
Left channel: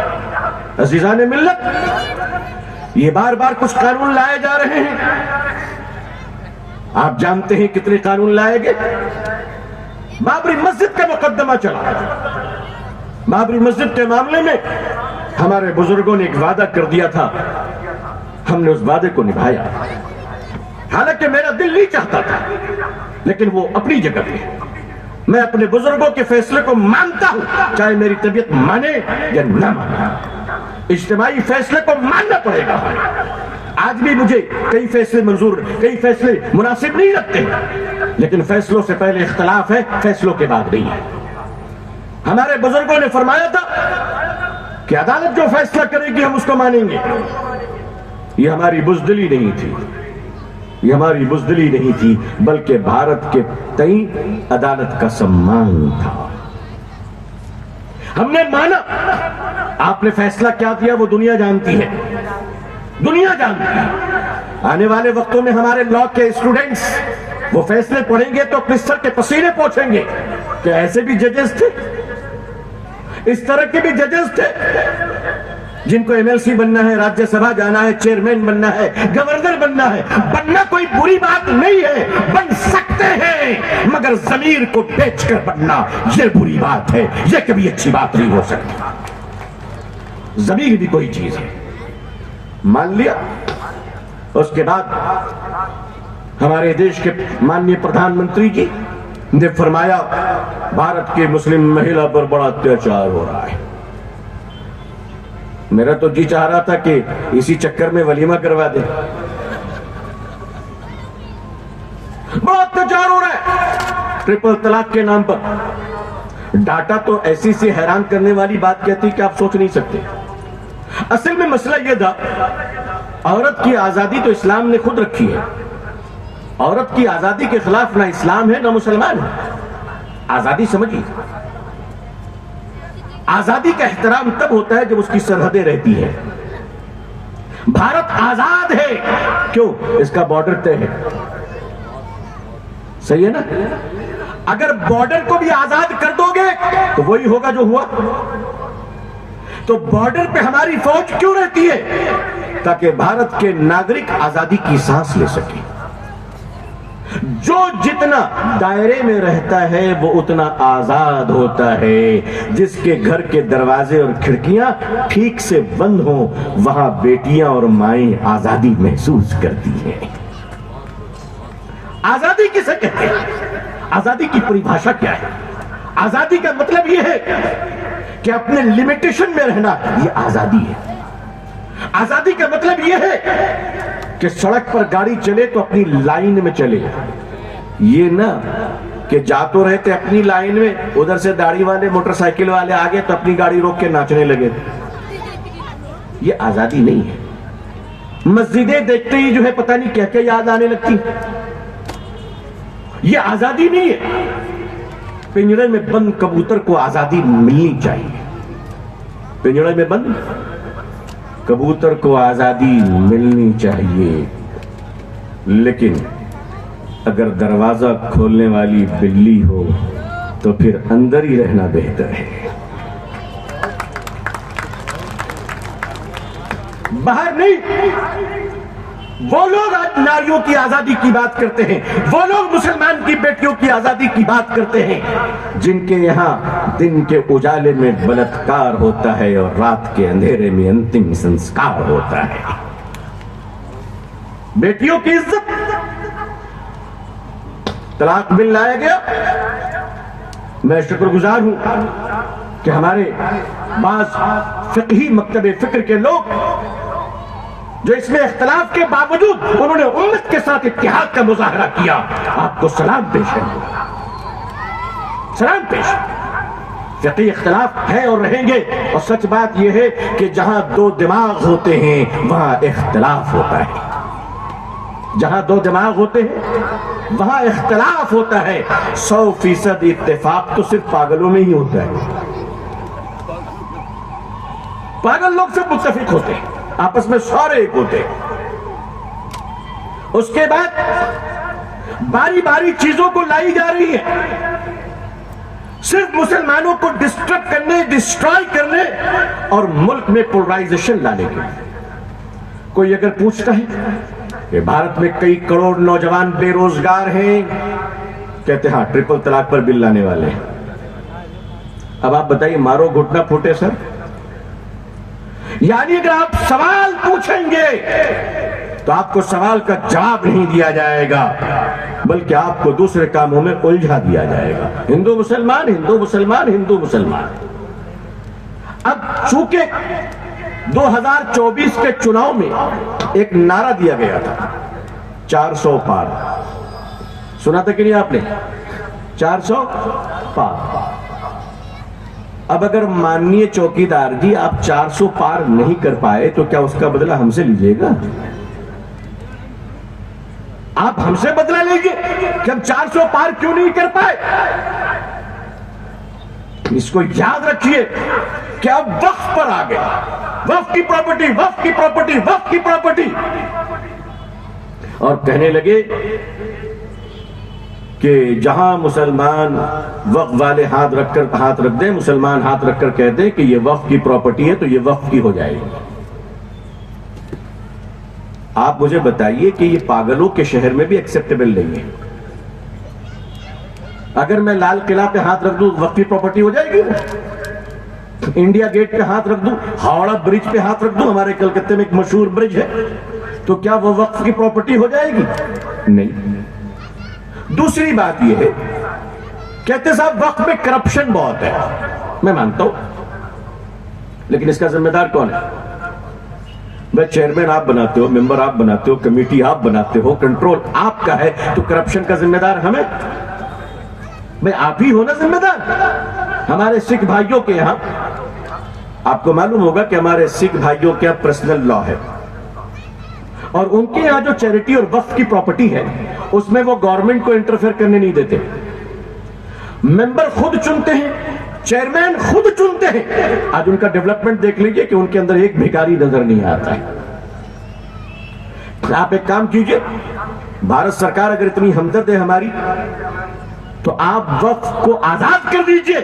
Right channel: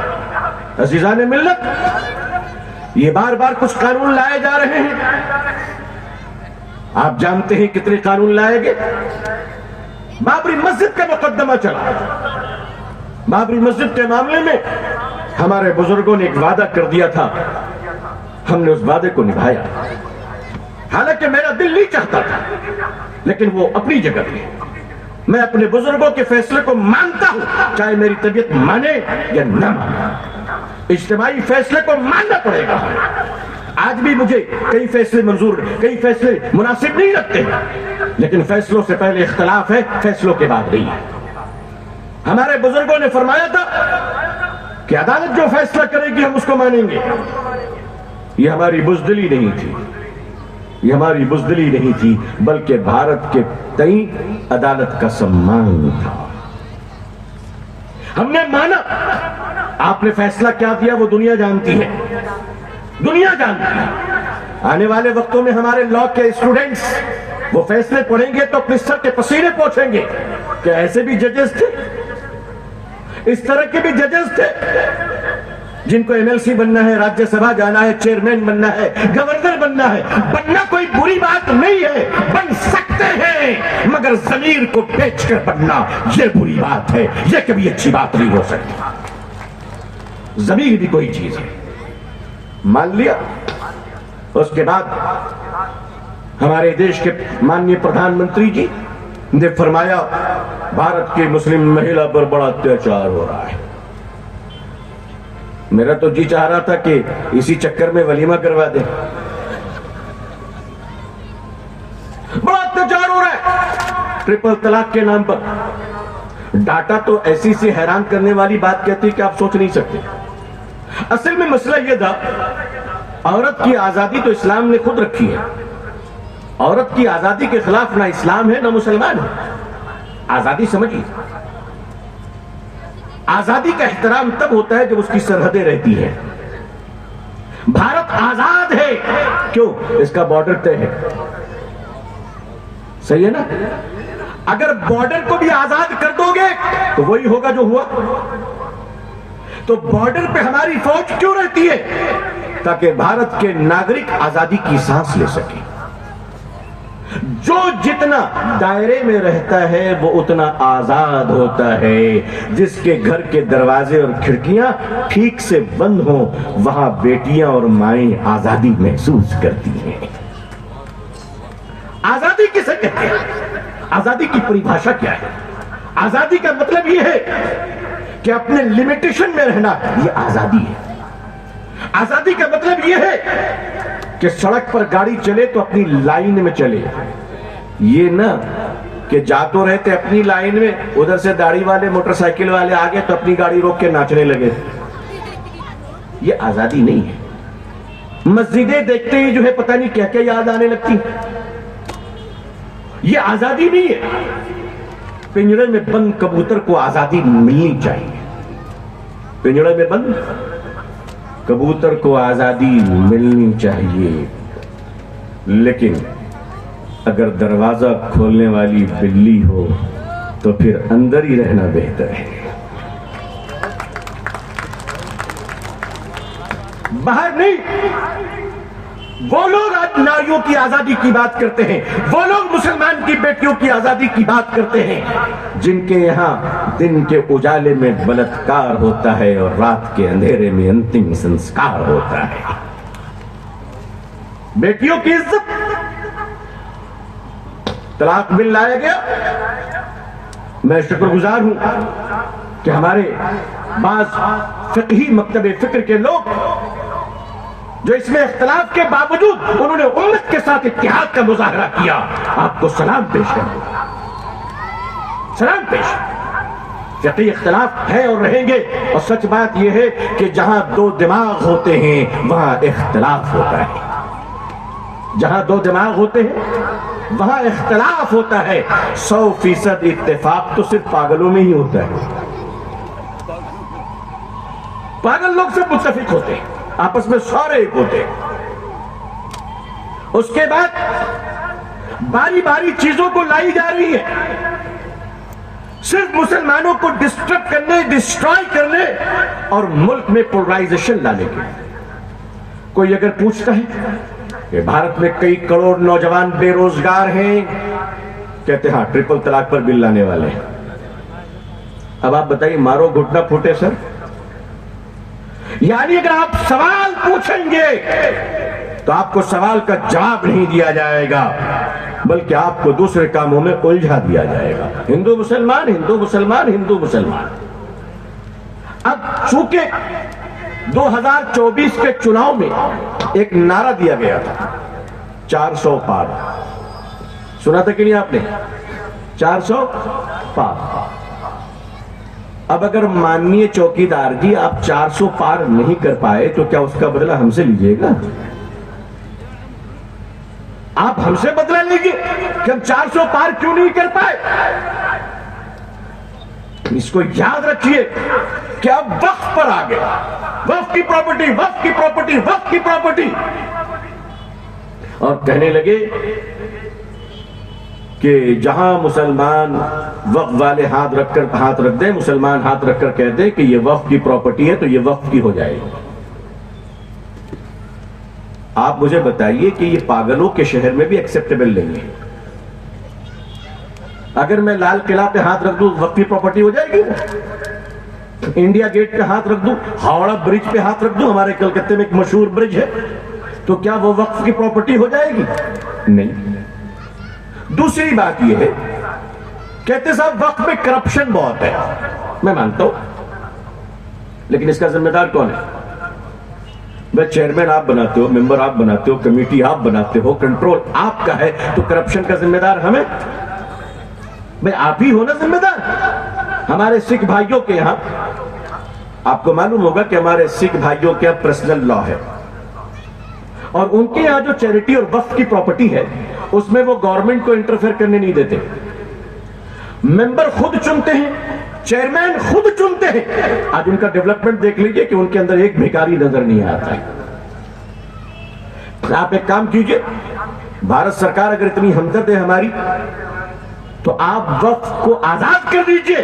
अजीजाने मिल्लत, ये बार बार कुछ कानून लाए जा रहे हैं। आप जानते हैं कितने कानून लाए गए? बाबरी मस्जिद का मुकदमा चला। बाबरी मस्जिद के मामले में हमारे बुजुर्गों ने एक वादा कर दिया था, हमने उस वादे को निभाया। हालांकि मेरा दिल नहीं चाहता था, लेकिन वो अपनी जगह पे। मैं अपने बुजुर्गों के फैसले को मानता हूं, चाहे मेरी तबीयत माने या ना माने। इज्तिमाई फैसले को मानना पड़ेगा हमें। आज भी मुझे कई फैसले मंजूर, कई फैसले मुनासिब नहीं लगते, लेकिन फैसलों से पहले इख्तलाफ है, फैसलों के बाद नहीं है। हमारे बुजुर्गों ने फरमाया था कि अदालत जो फैसला करेगी हम उसको मानेंगे। ये हमारी बुज़दिली नहीं थी, ये हमारी बुज़दिली नहीं थी, बल्कि भारत के तई अदालत का सम्मान था। हमने माना। आपने फैसला क्या किया वो दुनिया जानती है, दुनिया जानती है। आने वाले वक्तों में हमारे लॉ के स्टूडेंट्स वो फैसले पढ़ेंगे तो अपने सर के पसीने पोंछेंगे। क्या ऐसे भी जजेस थे? इस तरह के भी जजेस थे जिनको एमएलसी बनना है, राज्यसभा जाना है, चेयरमैन बनना है, गवर्नर बनना है। बनना कोई बुरी बात नहीं है, बन सकते हैं, मगर ज़मीर को बेचकर बनना यह बुरी बात है, यह कभी अच्छी बात नहीं हो सकती। ज़मीर भी कोई चीज है। मान लिया। उसके बाद हमारे देश के माननीय प्रधानमंत्री जी ने फरमाया भारत की मुस्लिम महिला पर बड़ा अत्याचार हो रहा है। मेरा तो जी चाह रहा था कि इसी चक्कर में वलीमा करवा दे। बड़ा अत्याचार हो रहा है ट्रिपल तलाक के नाम पर। डाटा तो ऐसी सी हैरान करने वाली बात कहती है कि आप सोच नहीं सकते। असल में मसला यह था, औरत की आजादी तो इस्लाम ने खुद रखी है। औरत की आजादी के खिलाफ ना इस्लाम है ना मुसलमान है। आजादी समझिए, आजादी का एहतराम तब होता है जब उसकी सरहदें रहती है। भारत आजाद है क्यों? इसका बॉर्डर तय है। सही है ना? अगर बॉर्डर को भी आजाद कर दोगे तो वही होगा जो हुआ। तो बॉर्डर पे हमारी फौज क्यों रहती है? ताकि भारत के नागरिक आजादी की सांस ले सके। जो जितना दायरे में रहता है वो उतना आजाद होता है। जिसके घर के दरवाजे और खिड़कियां ठीक से बंद हो, वहां बेटियां और माएं आजादी महसूस करती हैं। आजादी किसे कहते हैं? आजादी की परिभाषा क्या है? आजादी का मतलब यह है कि अपने लिमिटेशन में रहना, यह आजादी है। आजादी का मतलब यह है कि सड़क पर गाड़ी चले तो अपनी लाइन में चले, ये ना कि जा तो रहते अपनी लाइन में, उधर से दाढ़ी वाले मोटरसाइकिल वाले आ गए तो अपनी गाड़ी रोक के नाचने लगे। ये आजादी नहीं है। मस्जिदें देखते ही जो है पता नहीं क्या क्या याद आने लगती। ये आजादी नहीं है। पिंजरे में बंद कबूतर को आजादी मिलनी चाहिए। पिंजरे में बंद कबूतर को आजादी मिलनी चाहिए, लेकिन अगर दरवाजा खोलने वाली बिल्ली हो तो फिर अंदर ही रहना बेहतर है। बाहर नहीं। वो लोग आज नारियों की आजादी की बात करते हैं, वो लोग मुसलमान की बेटियों की आजादी की बात करते हैं, जिनके यहां दिन के उजाले में बलात्कार होता है और रात के अंधेरे में अंतिम संस्कार होता है। बेटियों की इज्जत, तलाक बिल लाया गया। मैं शुक्रगुजार हूं कि हमारे बाज फिक़ही मकतबे फिक्र के लोग जो इसमें इख्तलाफ के बावजूद उन्होंने उम्मत के साथ इत्तेहाद का मुजाहरा किया। आपको सलाम पेश है, सलाम पेश। फिक़ही इख्तलाफ है और रहेंगे, और सच बात यह है कि जहां दो दिमाग होते हैं वहां इख्तलाफ होता है। जहां दो दिमाग होते हैं वहां इख्तलाफ होता है। 100% इत्तेफाक तो सिर्फ पागलों में ही होता है। पागल लोग सिर्फ मुत्तफिक होते हैं, आपस में सारे एक होते हैं। उसके बाद बारी बारी चीजों को लाई जा रही है, सिर्फ मुसलमानों को डिस्टर्ब करने, डिस्ट्रॉय करने और मुल्क में पोलराइजेशन लाने के लिए। कोई अगर पूछता है कि भारत में कई करोड़ नौजवान बेरोजगार हैं, कहते हाँ ट्रिपल तलाक पर बिल लाने वाले हैं। अब आप बताइए, मारो घुटना फूटे सर। यानी अगर आप सवाल पूछेंगे तो आपको सवाल का जवाब नहीं दिया जाएगा, बल्कि आपको दूसरे कामों में उलझा दिया जाएगा। हिंदू मुसलमान, हिंदू मुसलमान, हिंदू मुसलमान। अब चूंकि 2024 के चुनाव में एक नारा दिया गया था 400 पार, सुना था कि नहीं आपने? 400 पार। अब अगर माननीय चौकीदार जी आप 400 पार नहीं कर पाए तो क्या उसका बदला हमसे लीजिएगा? आप हमसे बदला लीजिए कि हम 400 पार क्यों नहीं कर पाए। इसको याद रखिए कि आप वक्फ पर आ गए। वक्फ की प्रॉपर्टी, वक्फ की प्रॉपर्टी, वक्फ की प्रॉपर्टी, और कहने लगे कि जहां मुसलमान वक्फ वाले हाथ रख दें, मुसलमान हाथ रखकर कह दें कि ये वक्फ की प्रॉपर्टी है तो ये वक्फ की हो जाएगी। आप मुझे बताइए कि ये पागलों के शहर में भी एक्सेप्टेबल नहीं है। अगर मैं लाल किला पे हाथ रख दूं वक्फ की प्रॉपर्टी हो जाएगी? इंडिया गेट पे हाथ रख दूं, हावड़ा ब्रिज पे हाथ रख दूं, हमारे कलकत्ते में एक मशहूर ब्रिज है, तो क्या वो वक्फ की प्रॉपर्टी हो जाएगी? नहीं। दूसरी बात यह है, कहते साहब वक्फ में करप्शन बहुत है। मैं मानता हूं, लेकिन इसका जिम्मेदार कौन है? भाई चेयरमैन आप बनाते हो, मेंबर आप बनाते हो, कमेटी आप बनाते हो, कंट्रोल आपका है, तो करप्शन का जिम्मेदार हमें? भाई आप ही हो ना जिम्मेदार। हमारे सिख भाइयों के यहां, आपको मालूम होगा कि हमारे सिख भाइयों के यहां पर्सनल लॉ है, और उनके यहां जो चैरिटी और वक्फ की प्रॉपर्टी है उसमें वो गवर्नमेंट को इंटरफेयर करने नहीं देते। मेंबर खुद चुनते हैं, चेयरमैन खुद चुनते हैं। आज उनका डेवलपमेंट देख लीजिए कि उनके अंदर एक भिखारी नजर नहीं आता है। आप एक काम कीजिए, भारत सरकार अगर इतनी हमदर्द है हमारी, तो आप वक्फ को आजाद कर दीजिए।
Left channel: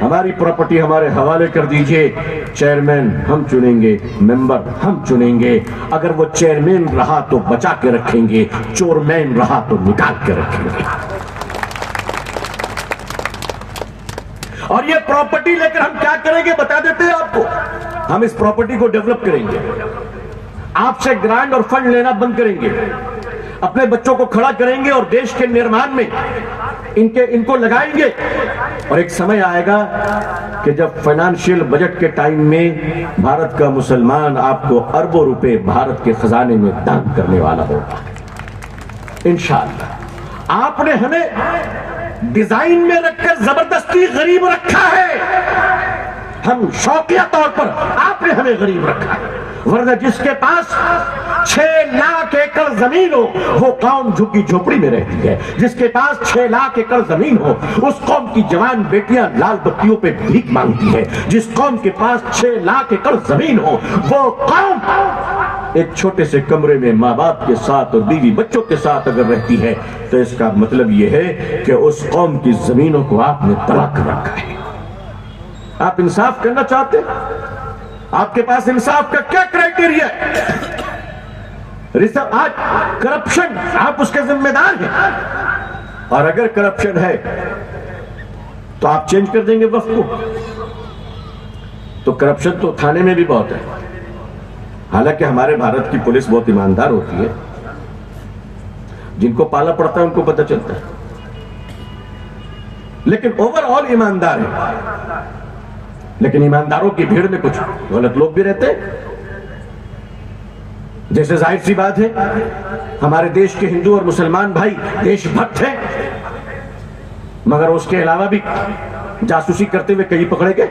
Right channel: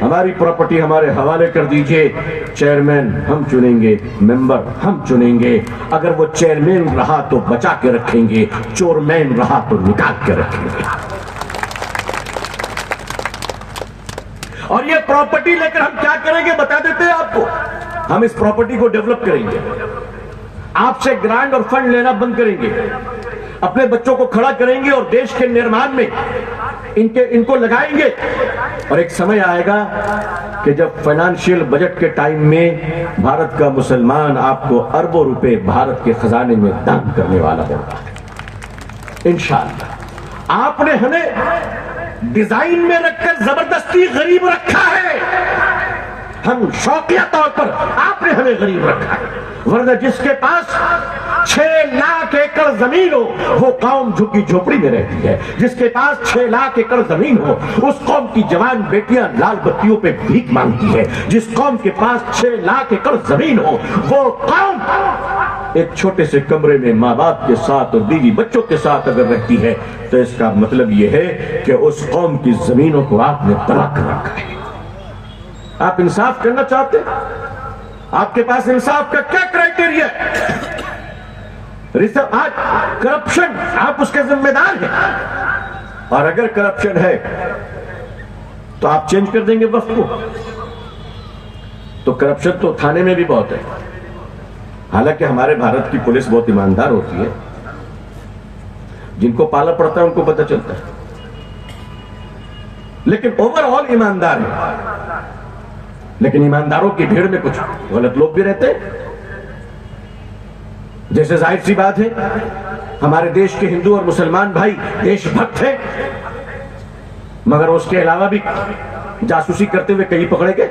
हमारी प्रॉपर्टी हमारे हवाले कर दीजिए, चेयरमैन हम चुनेंगे, मेंबर हम चुनेंगे। अगर वो चेयरमैन रहा तो बचा के रखेंगे, चोरमैन रहा तो निकाल के रखेंगे। और ये प्रॉपर्टी लेकर हम क्या करेंगे बता देते हैं आपको। हम इस प्रॉपर्टी को डेवलप करेंगे, आपसे ग्रांट और फंड लेना बंद करेंगे, अपने बच्चों को खड़ा करेंगे और देश के निर्माण में इनको लगाएंगे। और एक समय आएगा कि जब फाइनेंशियल बजट के टाइम में भारत का मुसलमान आपको अरबों रुपए भारत के खजाने में दान करने वाला होगा इंशाअल्लाह। आपने हमें डिजाइन में रखकर जबरदस्ती गरीब रखा है, हम शौकिया तौर पर आपने हमें गरीब रखा है। वरना जिसके पास 6 लाख एकड़ जमीन हो वो कौम झुकी झोपड़ी में रहती है। जिसके पास 6 लाख एकड़ जमीन हो उस कौम की जवान बेटियां लाल बत्तियों पे भीख मांगती है। जिस कौम के पास 6 लाख एकड़ जमीन हो वो कौम एक छोटे से कमरे में माँ बाप के साथ और बीवी बच्चों के साथ अगर रहती है तो इसका मतलब यह है कि उस कौम की जमीनों को आपने तलाक रखा है। आप इंसाफ करना चाहते हैं? आपके पास इंसाफ का क्या क्राइटेरिया है? आज करप्शन आप उसके जिम्मेदार हैं। और अगर करप्शन है तो आप चेंज कर देंगे वक्त को। तो करप्शन तो थाने में भी बहुत है। हालांकि हमारे भारत की पुलिस बहुत ईमानदार होती है, जिनको पाला पड़ता है उनको पता चलता है, लेकिन ओवरऑल ईमानदार है। लेकिन ईमानदारों की भीड़ में कुछ गलत लोग भी रहते हैं। जैसे जाहिर सी बात है हमारे देश के हिंदू और मुसलमान भाई देशभक्त हैं, मगर उसके अलावा भी जासूसी करते हुए कहीं पकड़े गए।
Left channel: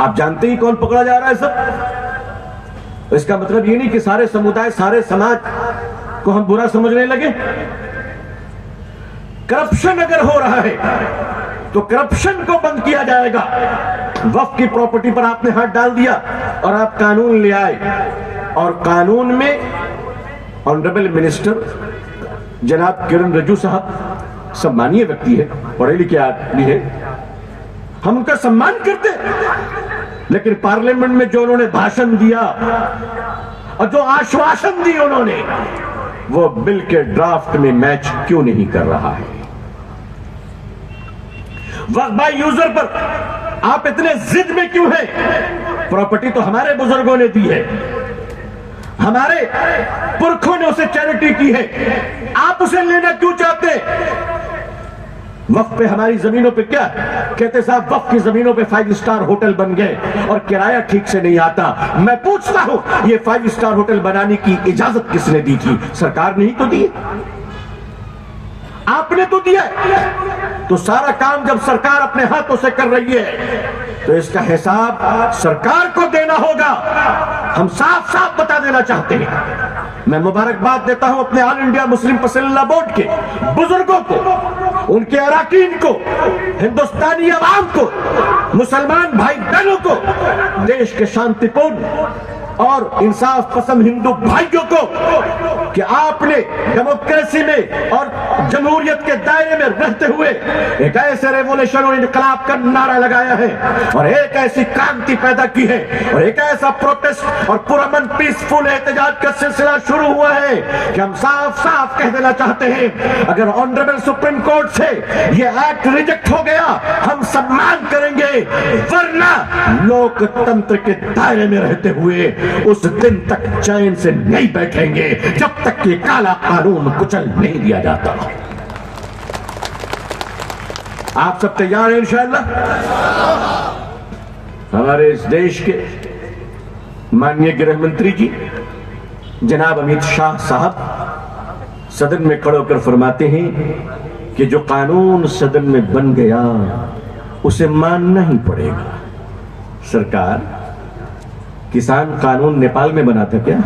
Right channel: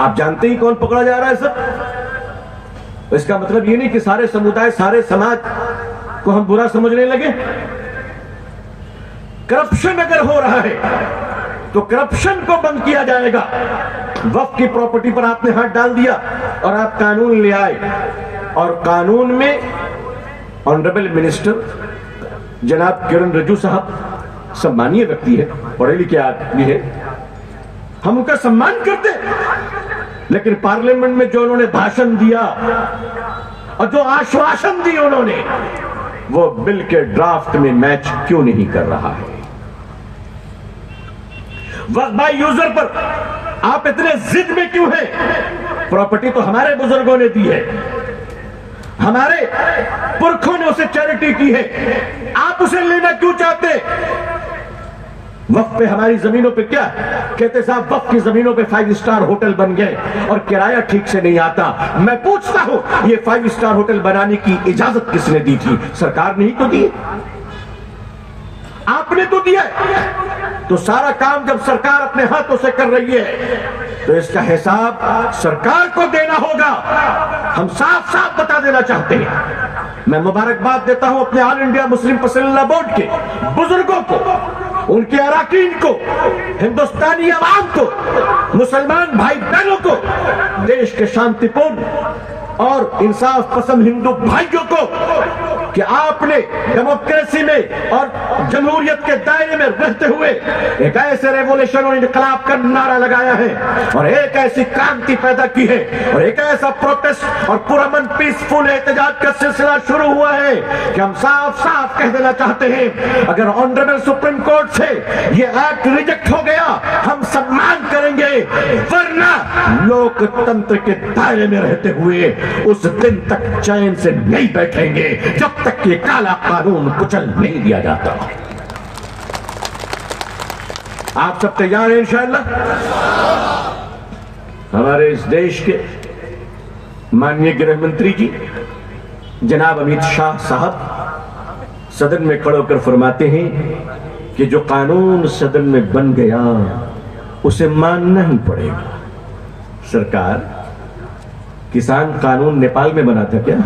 आप जानते ही कौन पकड़ा जा रहा है सब। इसका मतलब ये नहीं कि सारे समुदाय सारे समाज को हम बुरा समझने लगे। करप्शन अगर हो रहा है तो करप्शन को बंद किया जाएगा। वक्फ की प्रॉपर्टी पर आपने हाथ डाल दिया और आप कानून ले आए, और कानून में ऑनरेबल मिनिस्टर जनाब किरण रिजिजू साहब सम्मानीय व्यक्ति है, पढ़े लिखे आदमी है, हम उनका सम्मान करते हैं। लेकिन पार्लियामेंट में जो उन्होंने भाषण दिया और जो आश्वासन दी उन्होंने, वो बिल के ड्राफ्ट में मैच क्यों नहीं कर रहा है? वक्फ बाय यूजर पर आप इतने जिद में क्यों हैं? प्रॉपर्टी तो हमारे बुजुर्गों ने दी है, हमारे पुरखों ने उसे चैरिटी की है, आप उसे लेना क्यों चाहते? वक्फ पे हमारी जमीनों पे क्या कहते साहब, वक्फ की जमीनों पे 5 स्टार होटल बन गए और किराया ठीक से नहीं आता। मैं पूछता हूं ये 5 स्टार होटल बनाने की इजाजत किसने दी थी? सरकार ने ही तो दी, आपने तो दिया। तो सारा काम जब सरकार अपने हाथों से कर रही है तो इसका हिसाब सरकार को देना होगा। हम साफ साफ बता देना चाहते हैं। मैं मुबारकबाद देता हूं अपने ऑल इंडिया मुस्लिम पसंदीदा बोर्ड के बुजुर्गों को, उनके अराकीन को, हिंदुस्तानी अवाम को, मुसलमान भाई बहनों को, देश के शांतिपूर्ण और इंसाफ पसंद हिंदू भाइयों को कि आपने डेमोक्रेसी में और जमहूरियत के दायरे में रहते हुए एक ऐसे रेवोल्यूशन और इनकलाब का नारा लगाया है और एक ऐसी क्रांति पैदा की है और एक ऐसा प्रोटेस्ट और पुरअमन पीसफुल एहतजाज का सिलसिला शुरू हुआ है कि हम साफ साफ कह देना चाहते हैं, अगर ऑनरेबल सुप्रीम कोर्ट से ये एक्ट रिजेक्ट हो गया हम सम्मान करेंगे, वरना लोकतंत्र के दायरे में रहते हुए उस दिन तक चैन से नहीं बैठेंगे जब तक कि काला कानून कुचल नहीं दिया जाता। आप सब तैयार हैं इंशाअल्लाह? हमारे इस देश के माननीय गृह मंत्री जी जनाब अमित शाह साहब सदन में खड़े होकर फरमाते हैं कि जो कानून सदन में बन गया उसे मानना ही पड़ेगा। सरकार, किसान कानून नेपाल में बना था क्या?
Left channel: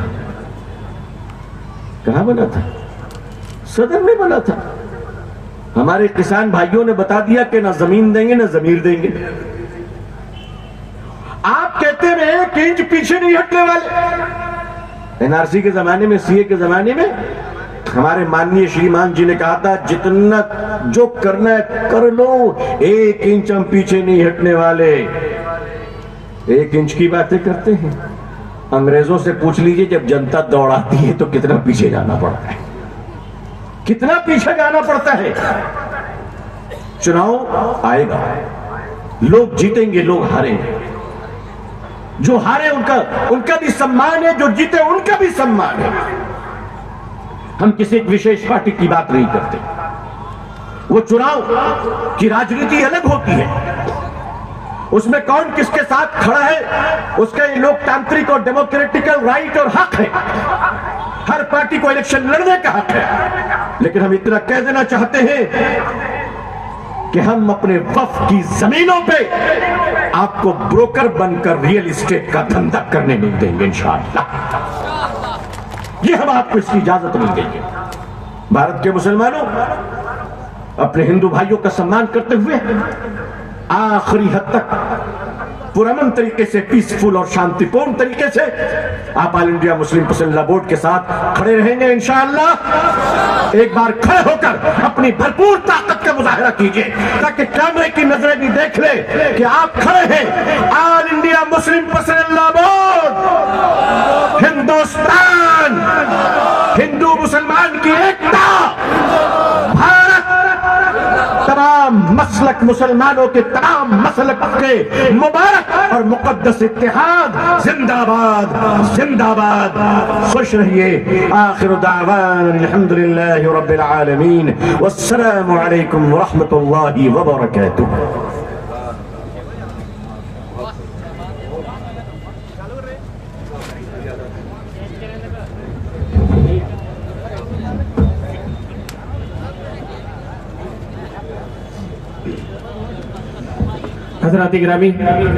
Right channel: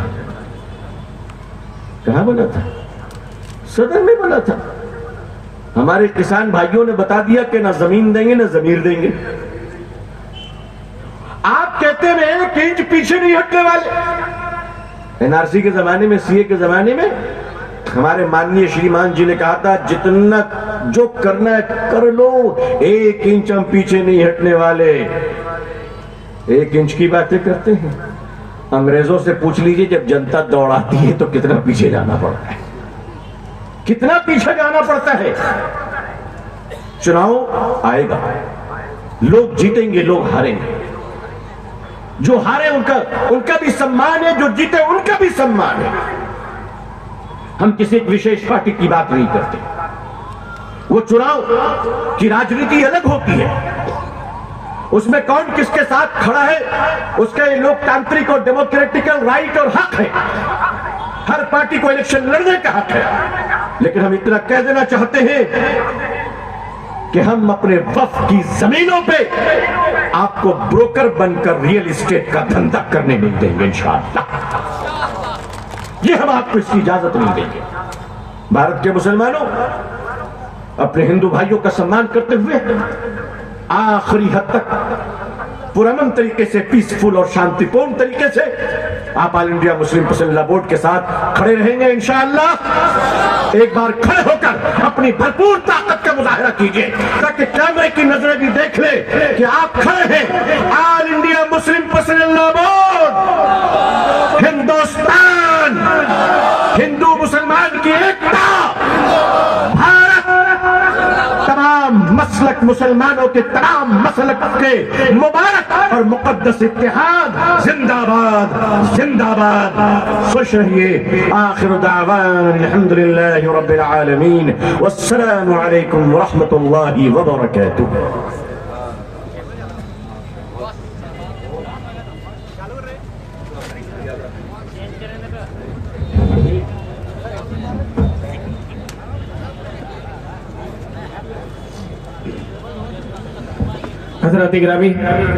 कहां बना था? सदन में बना था। हमारे किसान भाइयों ने बता दिया कि ना जमीन देंगे ना जमीर देंगे। आप कहते हैं कि इंच पीछे नहीं हटने वाले। एनआरसी के जमाने में, सीए के जमाने में हमारे माननीय श्रीमान जी ने कहा था जितना जो करना है कर लो, 1 इंच हम पीछे नहीं हटने वाले। 1 इंच की बातें करते हैं। अंग्रेजों से पूछ लीजिए, जब जनता दौड़ाती है तो कितना पीछे जाना पड़ता है, कितना पीछे जाना पड़ता है। चुनाव आएगा, लोग जीतेंगे, लोग हारेंगे। जो हारे उनका भी सम्मान है, जो जीते उनका भी सम्मान है। हम किसी एक विशेष पार्टी की बात नहीं करते। वो चुनाव की राजनीति अलग होती है, उसमें कौन किसके साथ खड़ा है उसका ये लोकतांत्रिक और डेमोक्रेटिकल राइट और हक है। हर पार्टी को इलेक्शन लड़ने का हक है। लेकिन हम इतना कह देना चाहते हैं कि हम अपने वक्फ की जमीनों पे आपको ब्रोकर बनकर रियल एस्टेट का धंधा करने नहीं देंगे इंशाअल्लाह। ये हम आपको इसकी इजाजत नहीं देंगे। भारत के मुसलमानों, अपने हिंदू भाइयों का सम्मान करते हुए आखिरी हद तक पुरअमन तरीके से, पीसफुल और शांतिपूर्ण तरीके से आप ऑल इंडिया मुस्लिम पसंदीदा बोर्ड के साथ खड़े रहेंगे इंशाअल्लाह। एक बार खड़े होकर अपनी भरपूर ताकत का मुजाहिरा कीजिए, ताकि कैमरे की नजरें भी देख ले कि आप खड़े हैं। ऑल इंडिया मुस्लिम पसंदीदा बोर्ड, हिंदुस्तान, हिंदू मुसलमान की एकता, भारत, तमाम मसलक मुसलमानों के तमाम मसलक के मुबारक और मुकद्दस इत्तेहाद, जिंदाबाद जिंदाबाद। खुश रहिए। आखिर दावाना अल्हम्दुलिल्लाहि रब्बिल आलमीन, वस्सलामु अलैकुम व रहमतुल्लाहि व बरकातुहू। हज़रात गिरामी।